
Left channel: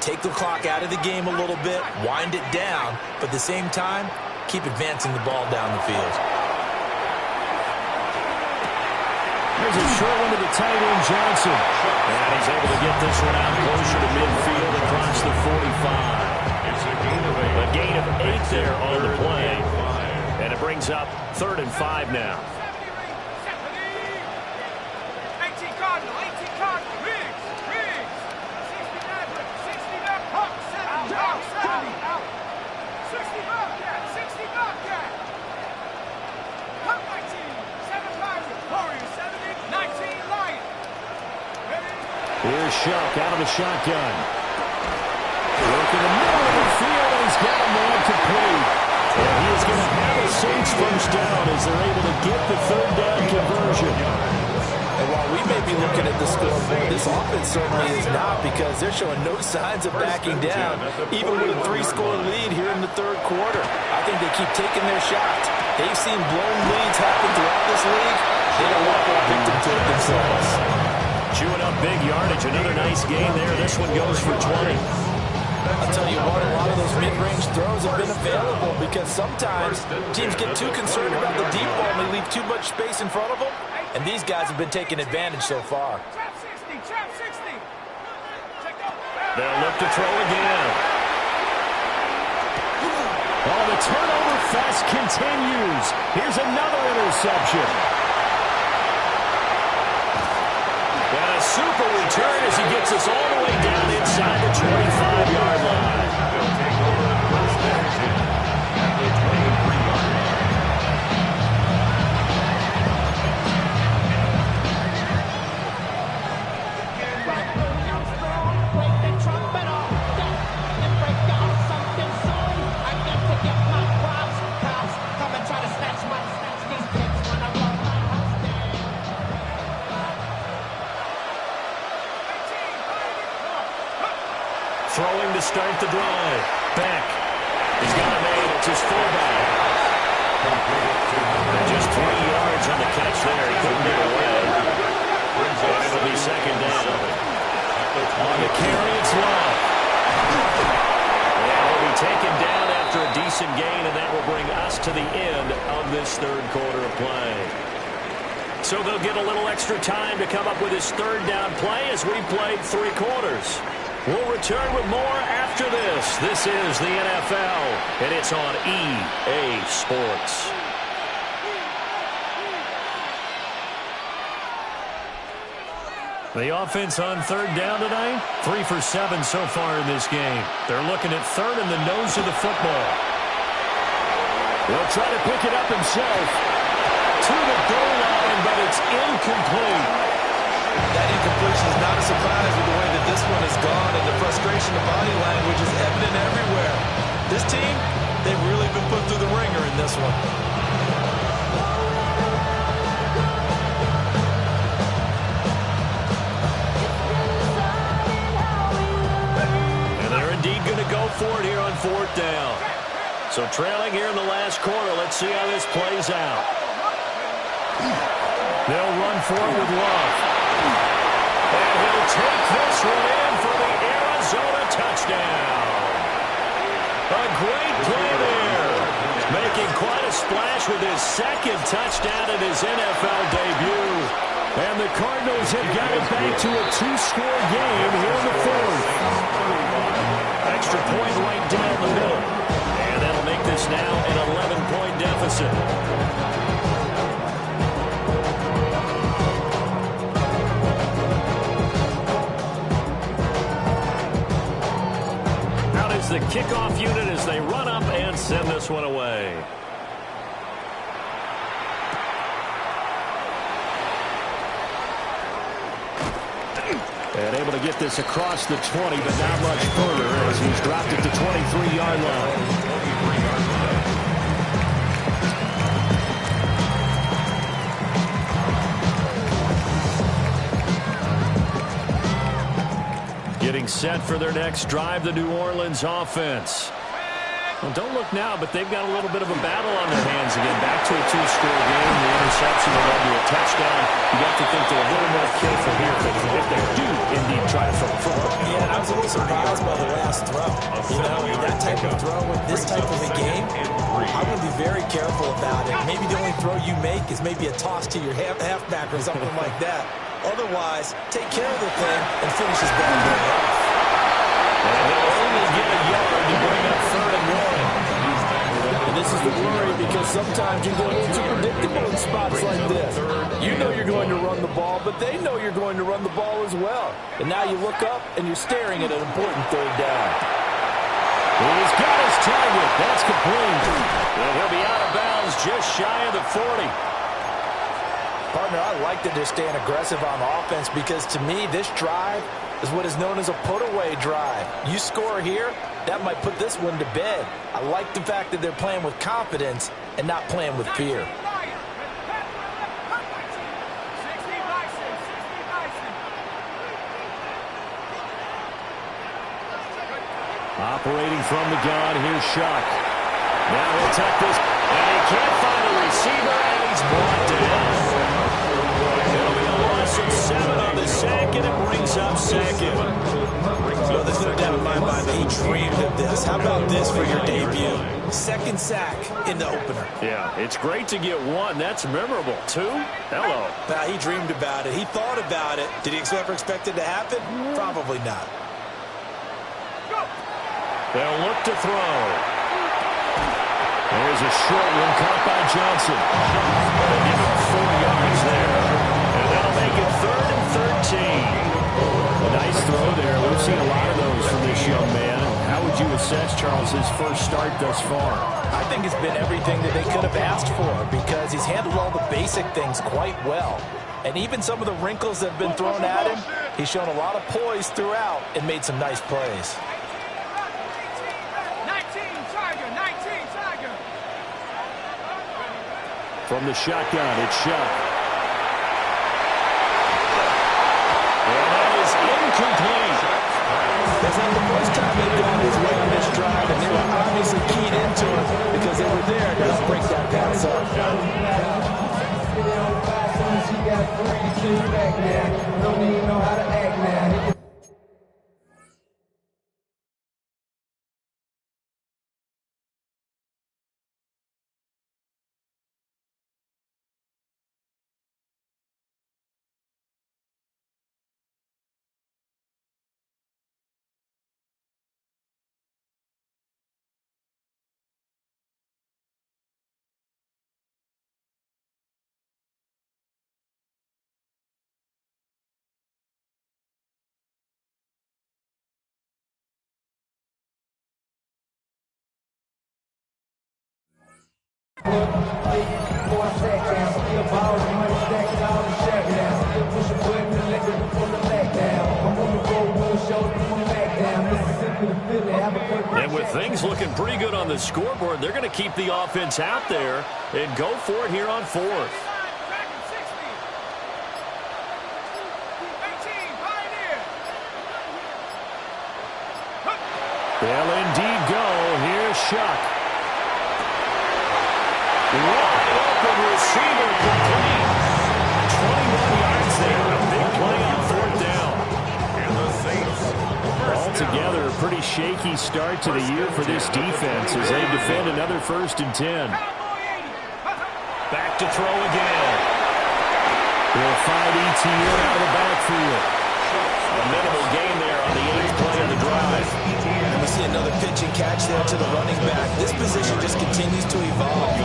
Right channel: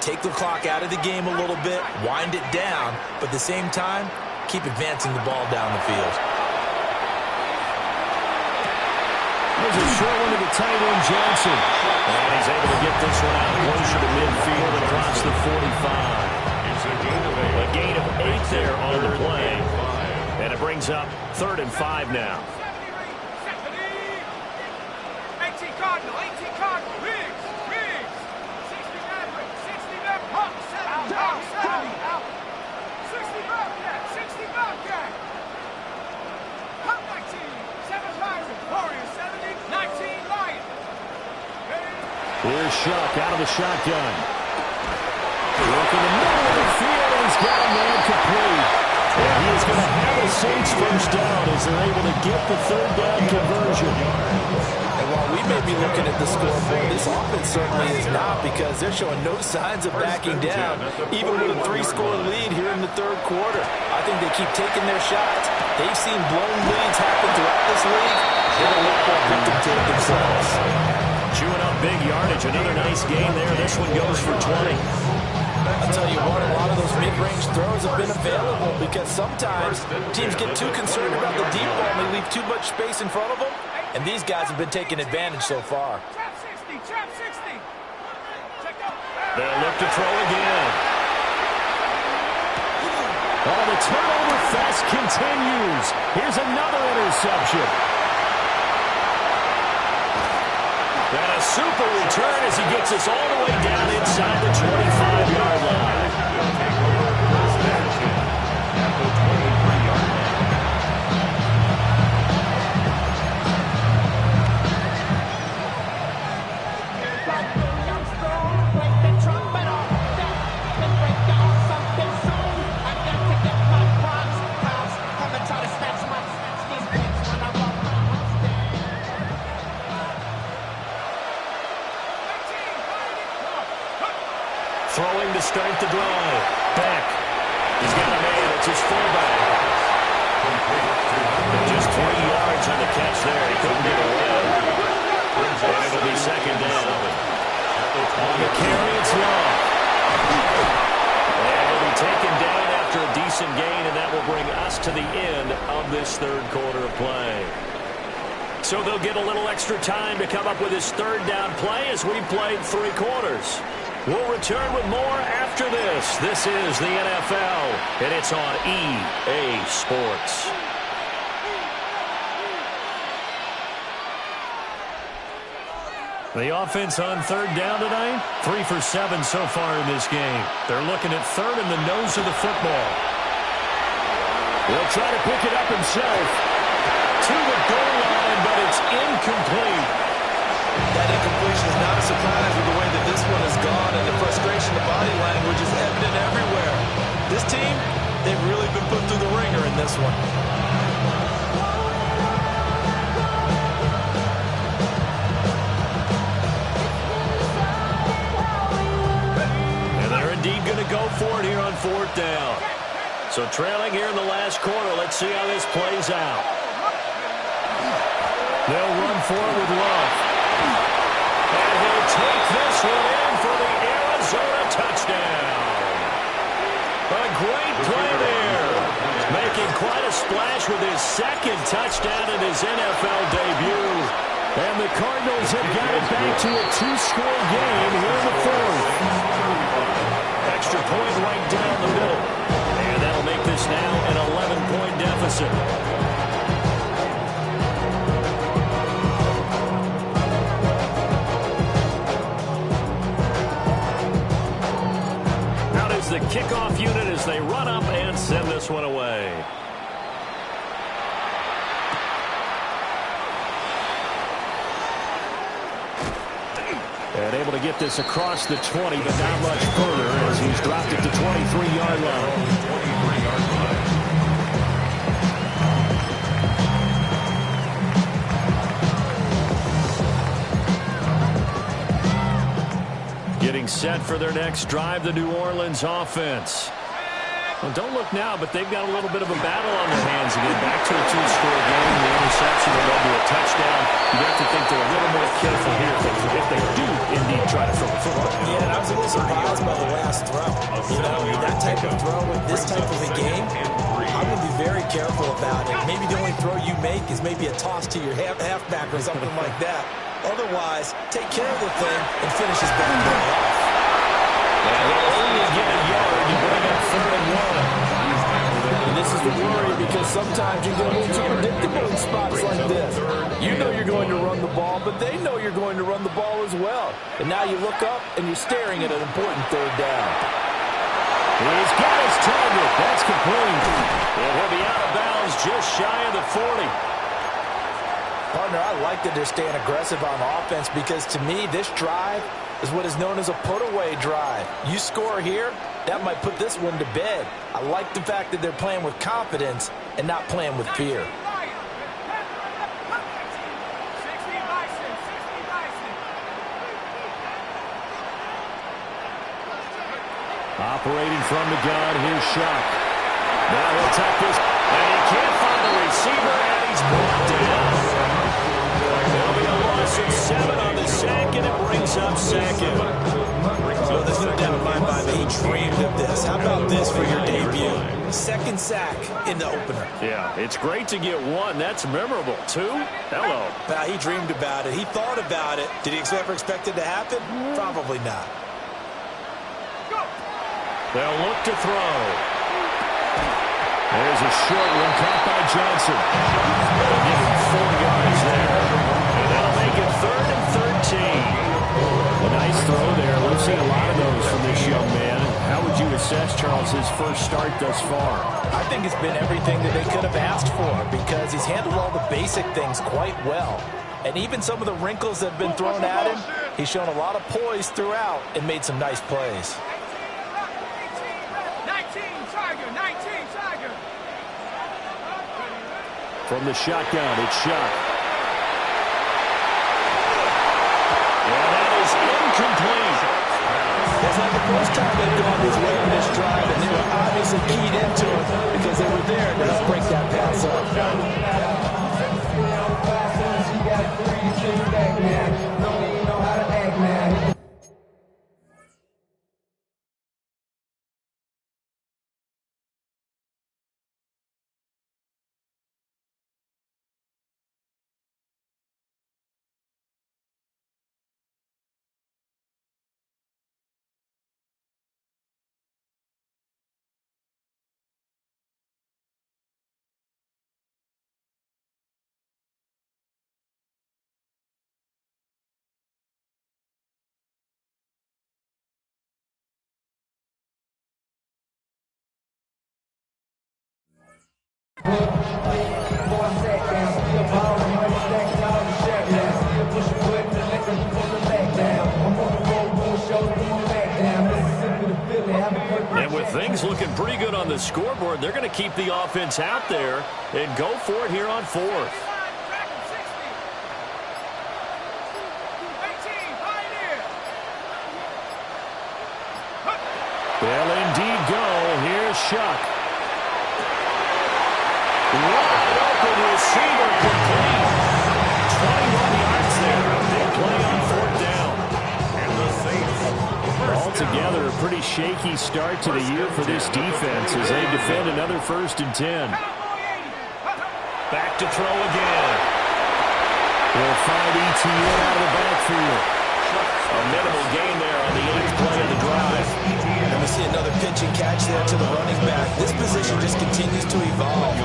Take the clock out of the game a little bit, wind it down, but at the same time, keep advancing the ball down the field. Here's a short one to the tight end, Johnson. And he's able to get this one out closer to midfield across the 45. It's a gain of 8. A gain of 8 there on the play. And it brings up 3rd and 5 now. 18 Cardinal, 18 Cardinal. Riggs, Riggs. 60 Maverick, 60 Maverick. Hawk, 70, Hawk, 70. Out. 60 Bobcat, 60 Bobcat. Hawk, 19. 7 Pirate, Warrior, 70. 19 Lion. Here's Shuck out of the shotgun. Look in the middle of the field, and he's got a man complete. And he is going to have a Saints first down as they're able to get the third down conversion. And while we may be looking at the scoreboard, this offense certainly is not, because they're showing no signs of backing down, even with a 3-score lead here in the third quarter. I think they keep taking their shots. They've seen blown leads happen throughout this league. They don't want to fall victim to it themselves. Chewing up big yardage. Another nice gain there. This one goes for 20. I'll tell you what, a lot of those mid-range throws have been available because sometimes teams get too concerned about the deep ball and they leave too much space in front of them, and these guys have been taking advantage so far. Trap 60, trap 60. Check out. They'll look to throw again. Oh, the turnover fest continues. Here's another interception. And a super return as he gets us all the way down inside the 25-yard line. They'll take over first and 10 at the 23-yard line. Break the trumpet off, and break off something soon. I got to get my props. Cops come and try to snatch these pics when I walk my house down. Throwing to start the drive. Beck. He's got a man. It's his fullback. And just 3 yards on the catch there. He couldn't get away. And it'll be second down. On the carry, it's Love. And he'll be taken down after a decent gain, and that will bring us to the end of this third quarter of play. So they'll get a little extra time to come up with his third down play as we played 3 quarters. We'll return with more after this. This is the NFL, and it's on EA Sports. The offense on third down tonight, 3 for 7 so far in this game. They're looking at third in the nose of the football. He'll try to pick it up himself to the goal line, but it's incomplete. That incompletion is not a surprise with the way that this one has gone, and the frustration of body language is evident everywhere. This team, they've really been put through the ringer in this one. 4th down. So trailing here in the last quarter. Let's see how this plays out. They'll run for it with Love. And he'll take this one in for the Arizona touchdown. A great play there. Making quite a splash with his 2nd touchdown in his NFL debut. And the Cardinals have got it back to a 2-score game here in the 4th. Extra point right down the middle. And that'll make this now an 11-point deficit. Out is the kickoff unit as they run up and send this one away. And able to get this across the 20, but not much further as he's dropped it to 23-yard line. 23-yard line. Getting set for their next drive, the New Orleans offense. Well, don't look now, but they've got a little bit of a battle on their hands again. Back to a 2-score game. The interception that led to a touchdown. You got to think they're a little more careful here if they do indeed try to throw a football. Yeah, and I was a little surprised by the last throw. You know, that type of throw with this type of a game, I'm going to be very careful about it. Maybe the only throw you make is maybe a toss to your halfback or something like that. Otherwise, take care of the thing and finish his bad play off. And he'll only get a yard to bring up 3rd and 1. And this is the worry because sometimes you get a little too predictable in spots like this. You know you're going to run the ball, but they know you're going to run the ball as well. And now you look up and you're staring at an important 3rd down. He's got his target. That's complete. And he'll be out of bounds just shy of the 40. Partner, I like that they're staying aggressive on offense because to me, this drive is what is known as a put-away drive. You score here, that might put this one to bed. I like the fact that they're playing with confidence and not playing with fear. Operating from the gun, here's Shuck. Now he'll tuck this, and he can't find a receiver, and he's brought down. It'll be a loss of 7 on the sack, and it brings up 2nd. Well, there's no doubt in my mind that he dreamed of this. How about this for your debut? 2nd sack in the opener. Yeah, it's great to get 1. That's memorable. 2? Hello. Now, he dreamed about it. He thought about it. Did he ever expect it to happen? Probably not. They'll look to throw. There's a short one caught by Johnson. They'll give him 4 yards there. And that'll make it 3rd and 13. A nice throw there. We've seen a lot of those from this young man. How would you assess, Charles, his first start thus far? I think it's been everything that they could have asked for because he's handled all the basic things quite well. And even some of the wrinkles that have been thrown at him, he's shown a lot of poise throughout and made some nice plays. 19 Tiger. From the shotgun, it's Shuck. And that is incomplete. That's not the first time they've gone his way on this drive, and they were obviously keyed into it because they were there to help break that pass up. Don't even know how to act now. And with things looking pretty good on the scoreboard, they're going to keep the offense out there and go for it here on 4th. They'll indeed go. Here Shuck. Wide open receiver complete. 21 yards there. A big play on fourth down. And the Saints altogether, a pretty shaky start to the year for this defense as they defend another 1st and 10. Back to throw again. He'll find ETN out of the backfield. A minimal gain there on the 8th play of the drive. And we see another pitch and catch there to the running back. This position just continues to evolve.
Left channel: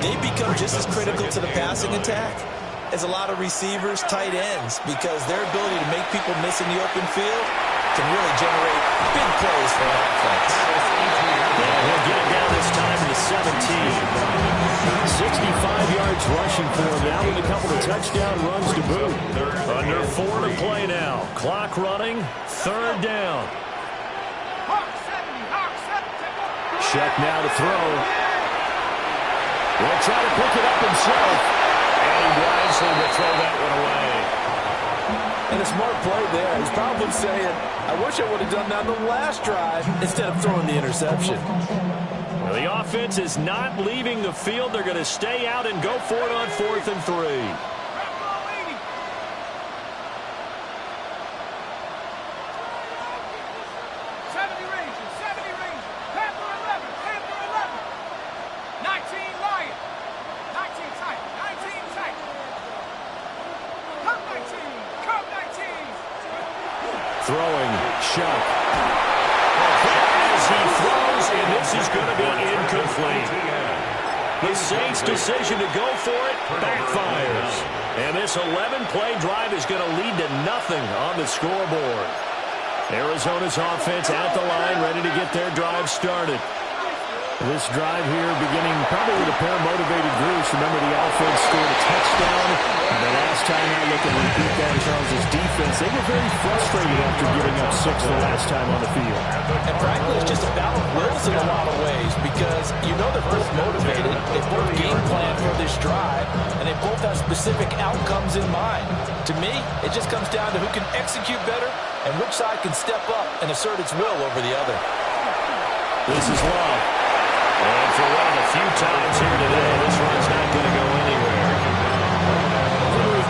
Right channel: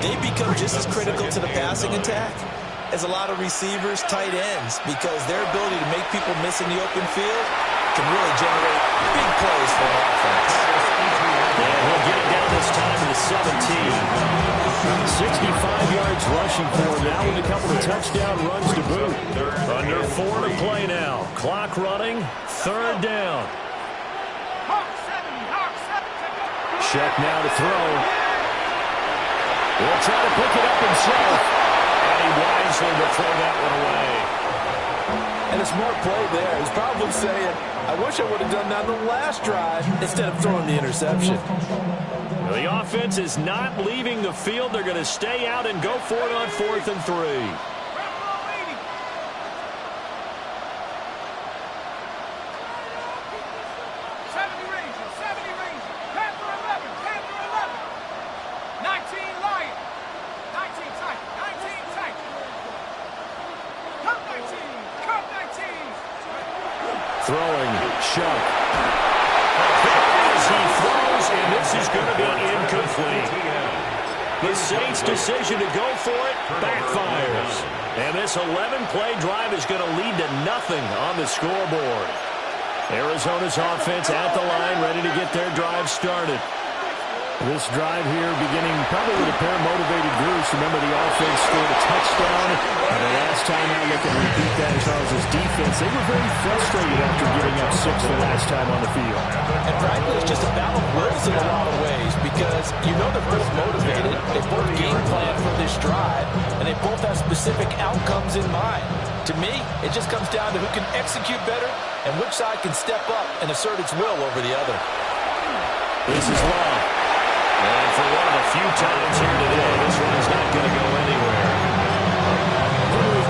They become just as critical to the passing attack as a lot of receivers, tight ends, because their ability to make people miss in the open field can really generate big plays for an offense. And he'll get it down this time in the 17. 65 yards rushing for him now with a couple of touchdown runs to boot. Under 4 to play now. Clock running. 3rd down. Shuck now to throw. He'll try to pick it up himself. And he wisely will throw that one away. And a smart play there. He's probably saying, I wish I would have done that on the last drive instead of throwing the interception. Well, the offense is not leaving the field. They're going to stay out and go for it on 4th and 3. Throwing, Shuck. As he throws, and this is going to be incomplete. The Saints' decision to go for it backfires. And this 11-play drive is going to lead to nothing on the scoreboard. Arizona's offense at the line, ready to get their drive started. This drive here beginning probably with a pair of motivated groups. Remember, the offense scored a touchdown. And the last time out, looking to repeat that, Charles' defense, they were very frustrated after giving up 6 the last time on the field. And frankly, it's just a battle of wills in a lot of ways because you know they're both motivated. They both game plan for this drive, and they both have specific outcomes in mind. To me, it just comes down to who can execute better and which side can step up and assert its will over the other. This is Love. And for one of the few times here today, this run's not going to go anywhere.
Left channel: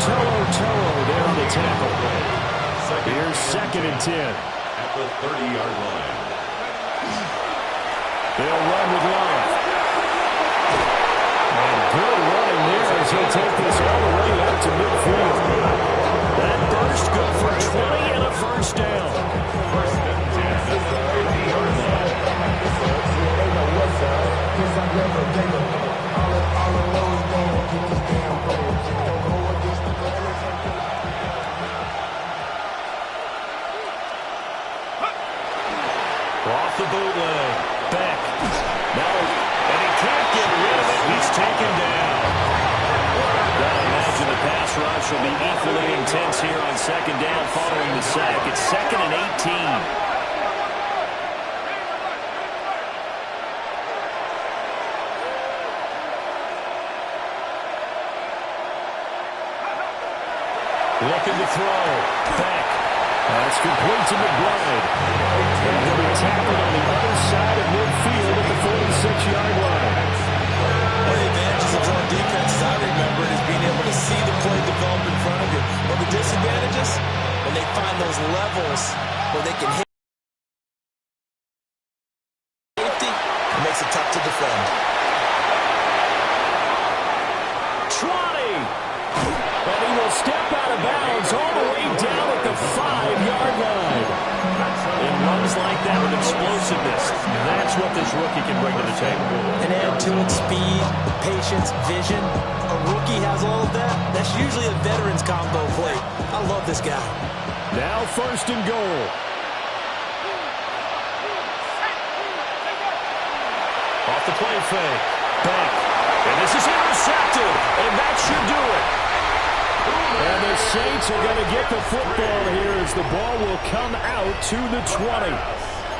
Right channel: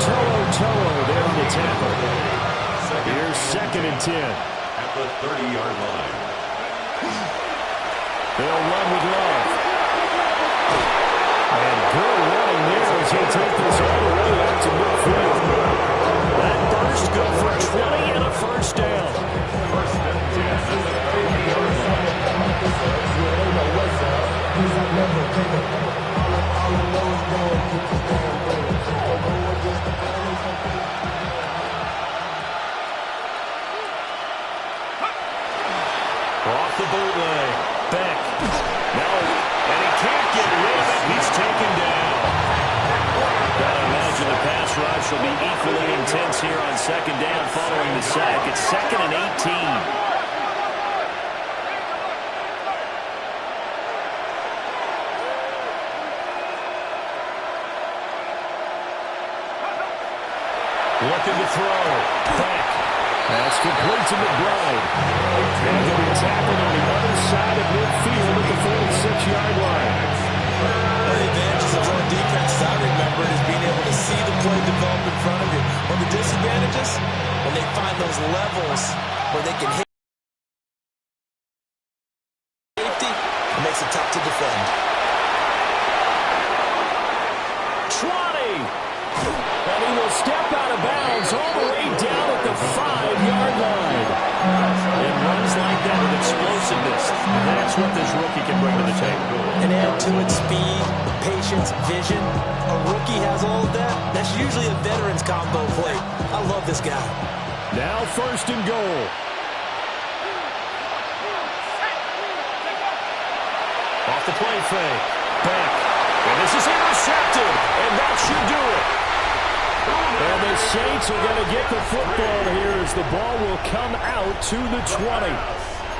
Toro there on the tackle. Here's 2nd and 10. At the 30-yard line. They'll run with Love. And good running there as he'll take this all the way up to midfield. That burst good for 20 and a 1st down. 1st and 10 at the 50-yard line. They know what's up, 'cause I never gave a fuck. All I know is going to get this damn bread. Don't go against the plan or something. Off the bootleg. Beck. No. And he can't get rid of it. He's taken down. Gotta imagine the pass rush will be equally intense here on 2nd down following the sack. It's 2nd and 18. Looking to throw. Beck. That's complete to McBride. And he'll be tackled on the other side of midfield at the 46-yard line. One of the advantages of zone defense, as I remember it, is being able to see the play develop in front of you. One of the disadvantages, when they find those levels where they can hit safety, it makes it tough to defend. Trotty! And he will step out of bounds all the way down at the 5-yard line. And runs like that with explosiveness. That's what this rookie can bring to the table. And add to it speed, patience, vision. A rookie has all of that. That's usually a veteran's combo play. I love this guy. Now 1st and goal. Off the play fake. Beck. And this is intercepted. And that should do it. And the Saints are going to get the football here as the ball will come out to the 20.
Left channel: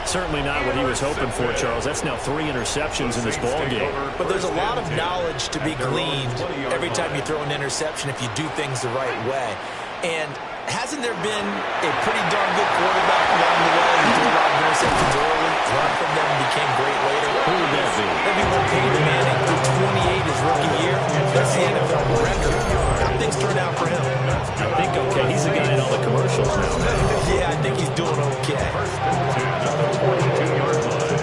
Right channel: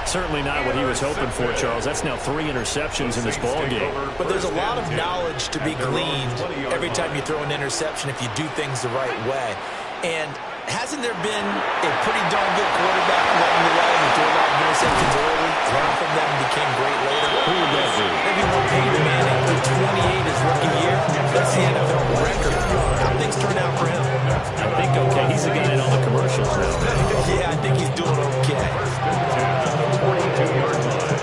Certainly not what he was hoping for, Charles. That's now 3 interceptions in this ball game. But there's a lot of knowledge to be gleaned every time you throw an interception if you do things the right way. And Hasn't there been a pretty darn good quarterback along the way who threw a lot of interceptions early, learned from them, and became great later? Who would that be? Maybe Peyton Manning threw 28 his rookie year. That's the NFL record. How things turn out for him? I think okay. He's the guy in all the commercials now. Yeah, I think he's doing okay. First and 10 at the 42-yard line.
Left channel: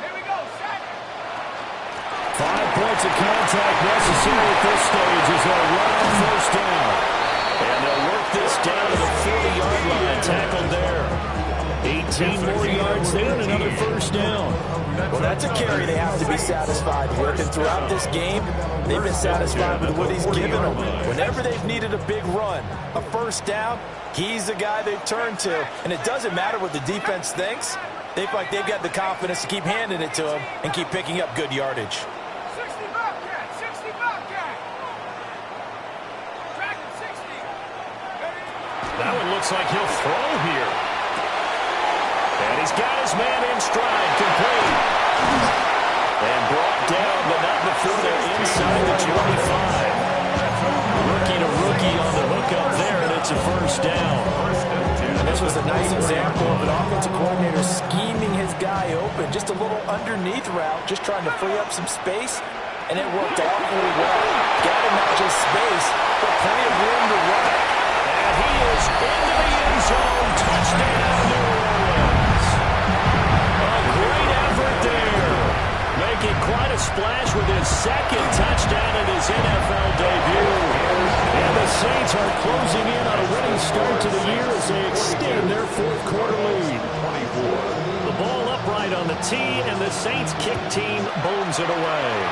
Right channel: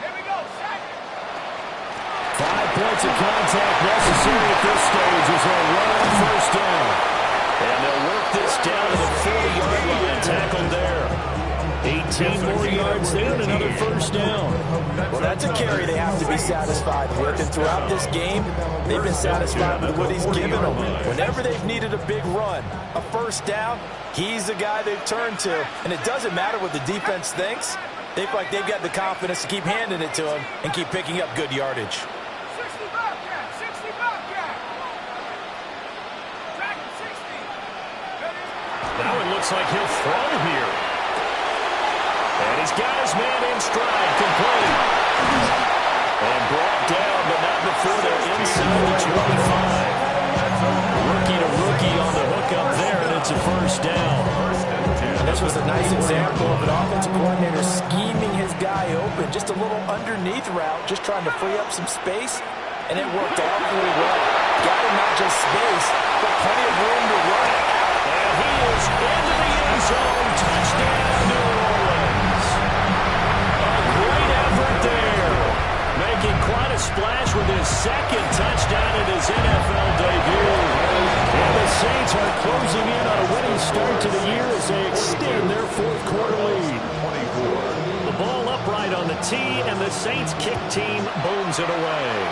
Here we go, set. 5 points of contact necessary at this stage as they'll run on first down. And they'll work this down to the 40-yard line, tackled there. 18 more yards there and another first down. Well, that's a carry they have to be satisfied with. And throughout this game, they've been satisfied with what he's given them. Whenever they've needed a big run, a first down, he's the guy they've turned to. And it doesn't matter what the defense thinks. They feel like they've got the confidence to keep handing it to him and keep picking up good yardage. 60 Bobcat, 60 Bobcat. Dragon 60. Ready? That one looks like he'll throw here. And he's got his man in stride, complete. And brought down, but not before they're inside the 25. Rookie to rookie on the hook up there, and it's a first down. And this was a nice example of an offensive coordinator scheming his guy open. Just a little underneath route, just trying to free up some space, and it worked awfully well. Got him not just space, but plenty of room to run. And he is into the end zone. Touchdown, New Orleans. A great effort there. Making quite a splash with his second touchdown in his NFL debut. And the Saints are closing in on a winning start to the year as they extend their fourth quarter lead. 24. The ball upright on the tee, and the Saints kick team booms it away.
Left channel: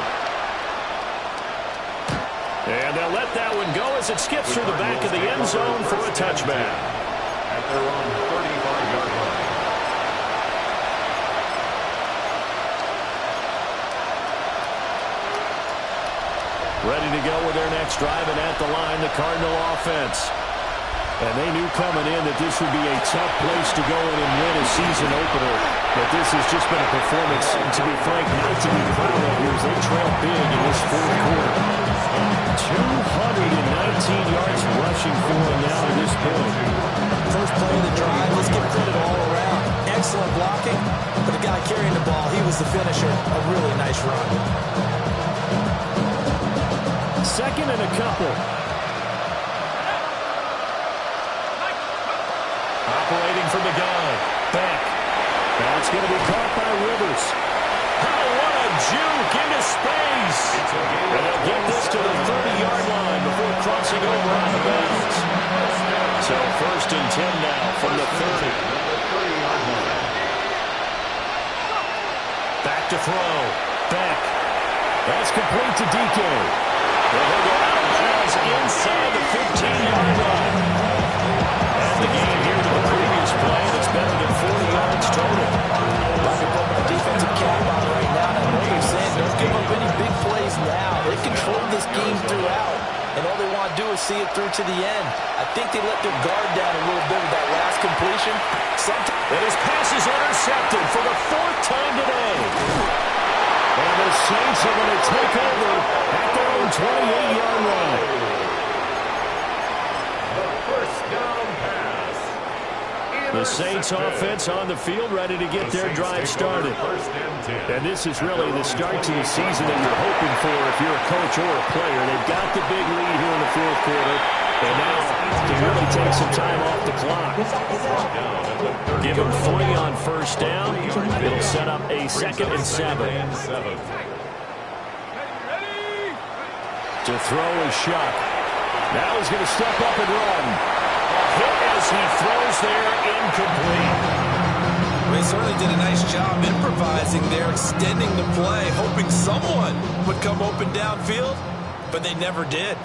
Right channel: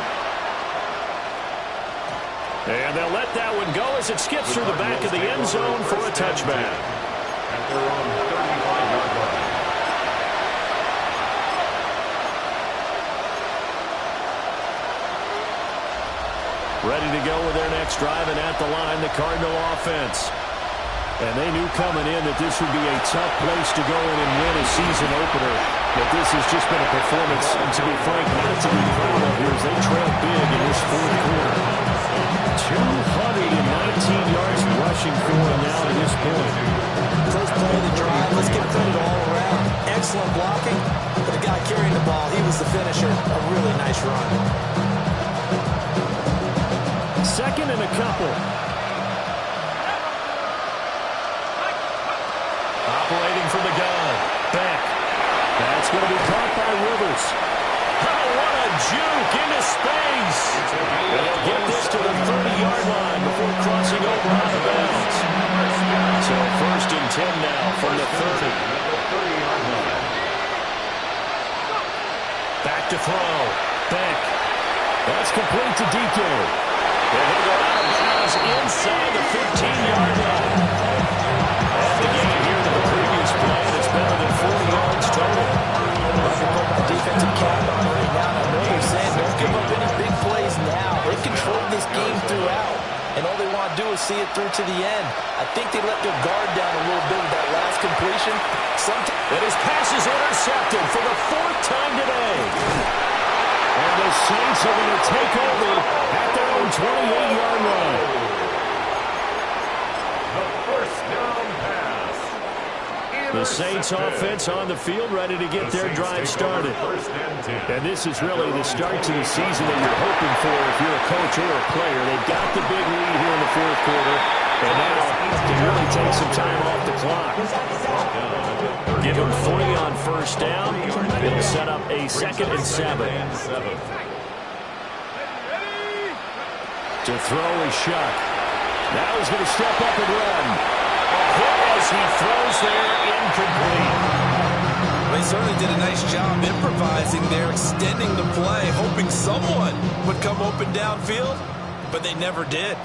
And they'll let that one go as it skips through the back of the end zone for a touchback. At their own 35-yard line. Ready to go with their next drive, and at the line, the Cardinal offense. And they knew coming in that this would be a tough place to go in and win a season opener. But this has just been a performance, and to be frank, not to be proud of here as they trail big in this fourth quarter. 219 yards rushing for him now to this point. First play of the drive, let's give credit all around. Excellent blocking, but the guy carrying the ball, he was the finisher. A really nice run. Second and a couple. Operating from the gun. Beck. That's going to be caught by Rivers. Oh, what a juke into space. And they'll get this to the 30-yard line before crossing over out of bounds. So first and 10 now from the 30. Back to throw. Beck. That's complete to DK. And he'll go out of bounds inside the 15-yard line. And the gain here to the previous play, and it's better than 40 yards total. Like to put my defensive cap on right now, and I know they're saying don't give up any big plays now. They've controlled this game throughout, and all they want to do is see it through to the end. I think they let their guard down a little bit with that last completion. And his pass is intercepted for the fourth time today. And the Saints are going to take over at their own 28-yard line. The first down pass. The Saints offense on the field ready to get their drive started. And this is really the start to the season that you're hoping for if you're a coach or a player. They've got the big lead here in the fourth quarter. And now to really take some time off the clock. Give them 3 on first down. It'll set up a 2nd and 7. To throw is Shuck. Now he's going to step up and run. A hit as he throws there, incomplete. Well, he certainly did a nice job improvising there, extending the play, hoping someone would come open downfield. but they never did.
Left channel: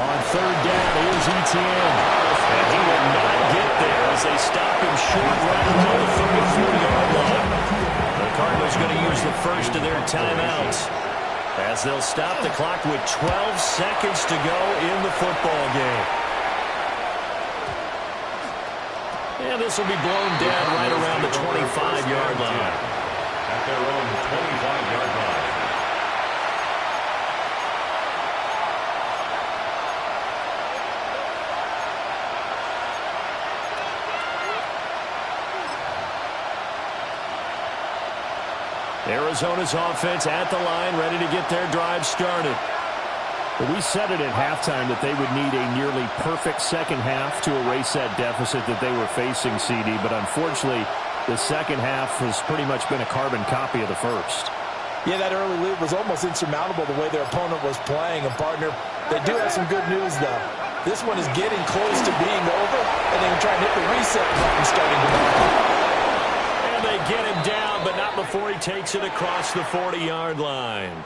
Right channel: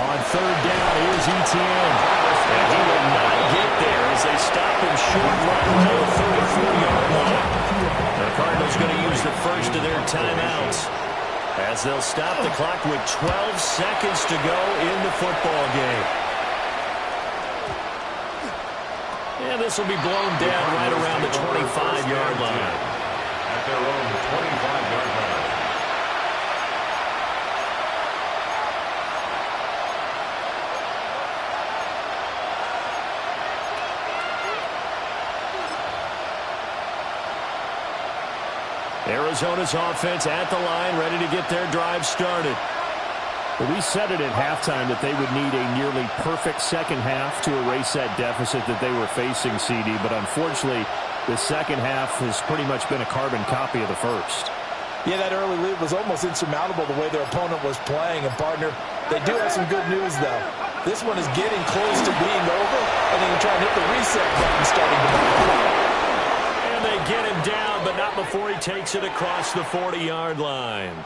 On third down, here's Etienne. And he will not get there as they stop him short right around the 34-yard line. The Cardinals going to use the first of their timeouts as they'll stop the clock with 12 seconds to go in the football game. And this will be blown down right around the 25-yard line. At their own 25-yard line. Arizona's offense at the line, ready to get their drive started. Well, we said it at halftime that they would need a nearly perfect second half to erase that deficit that they were facing, CD. But unfortunately, the second half has pretty much been a carbon copy of the first. Yeah, that early lead was almost insurmountable the way their opponent was playing. And, partner, they do have some good news, though. This one is getting close to being over, and they can try and hit the reset button starting tomorrow. And they get him down, but not before he takes it across the 40-yard line.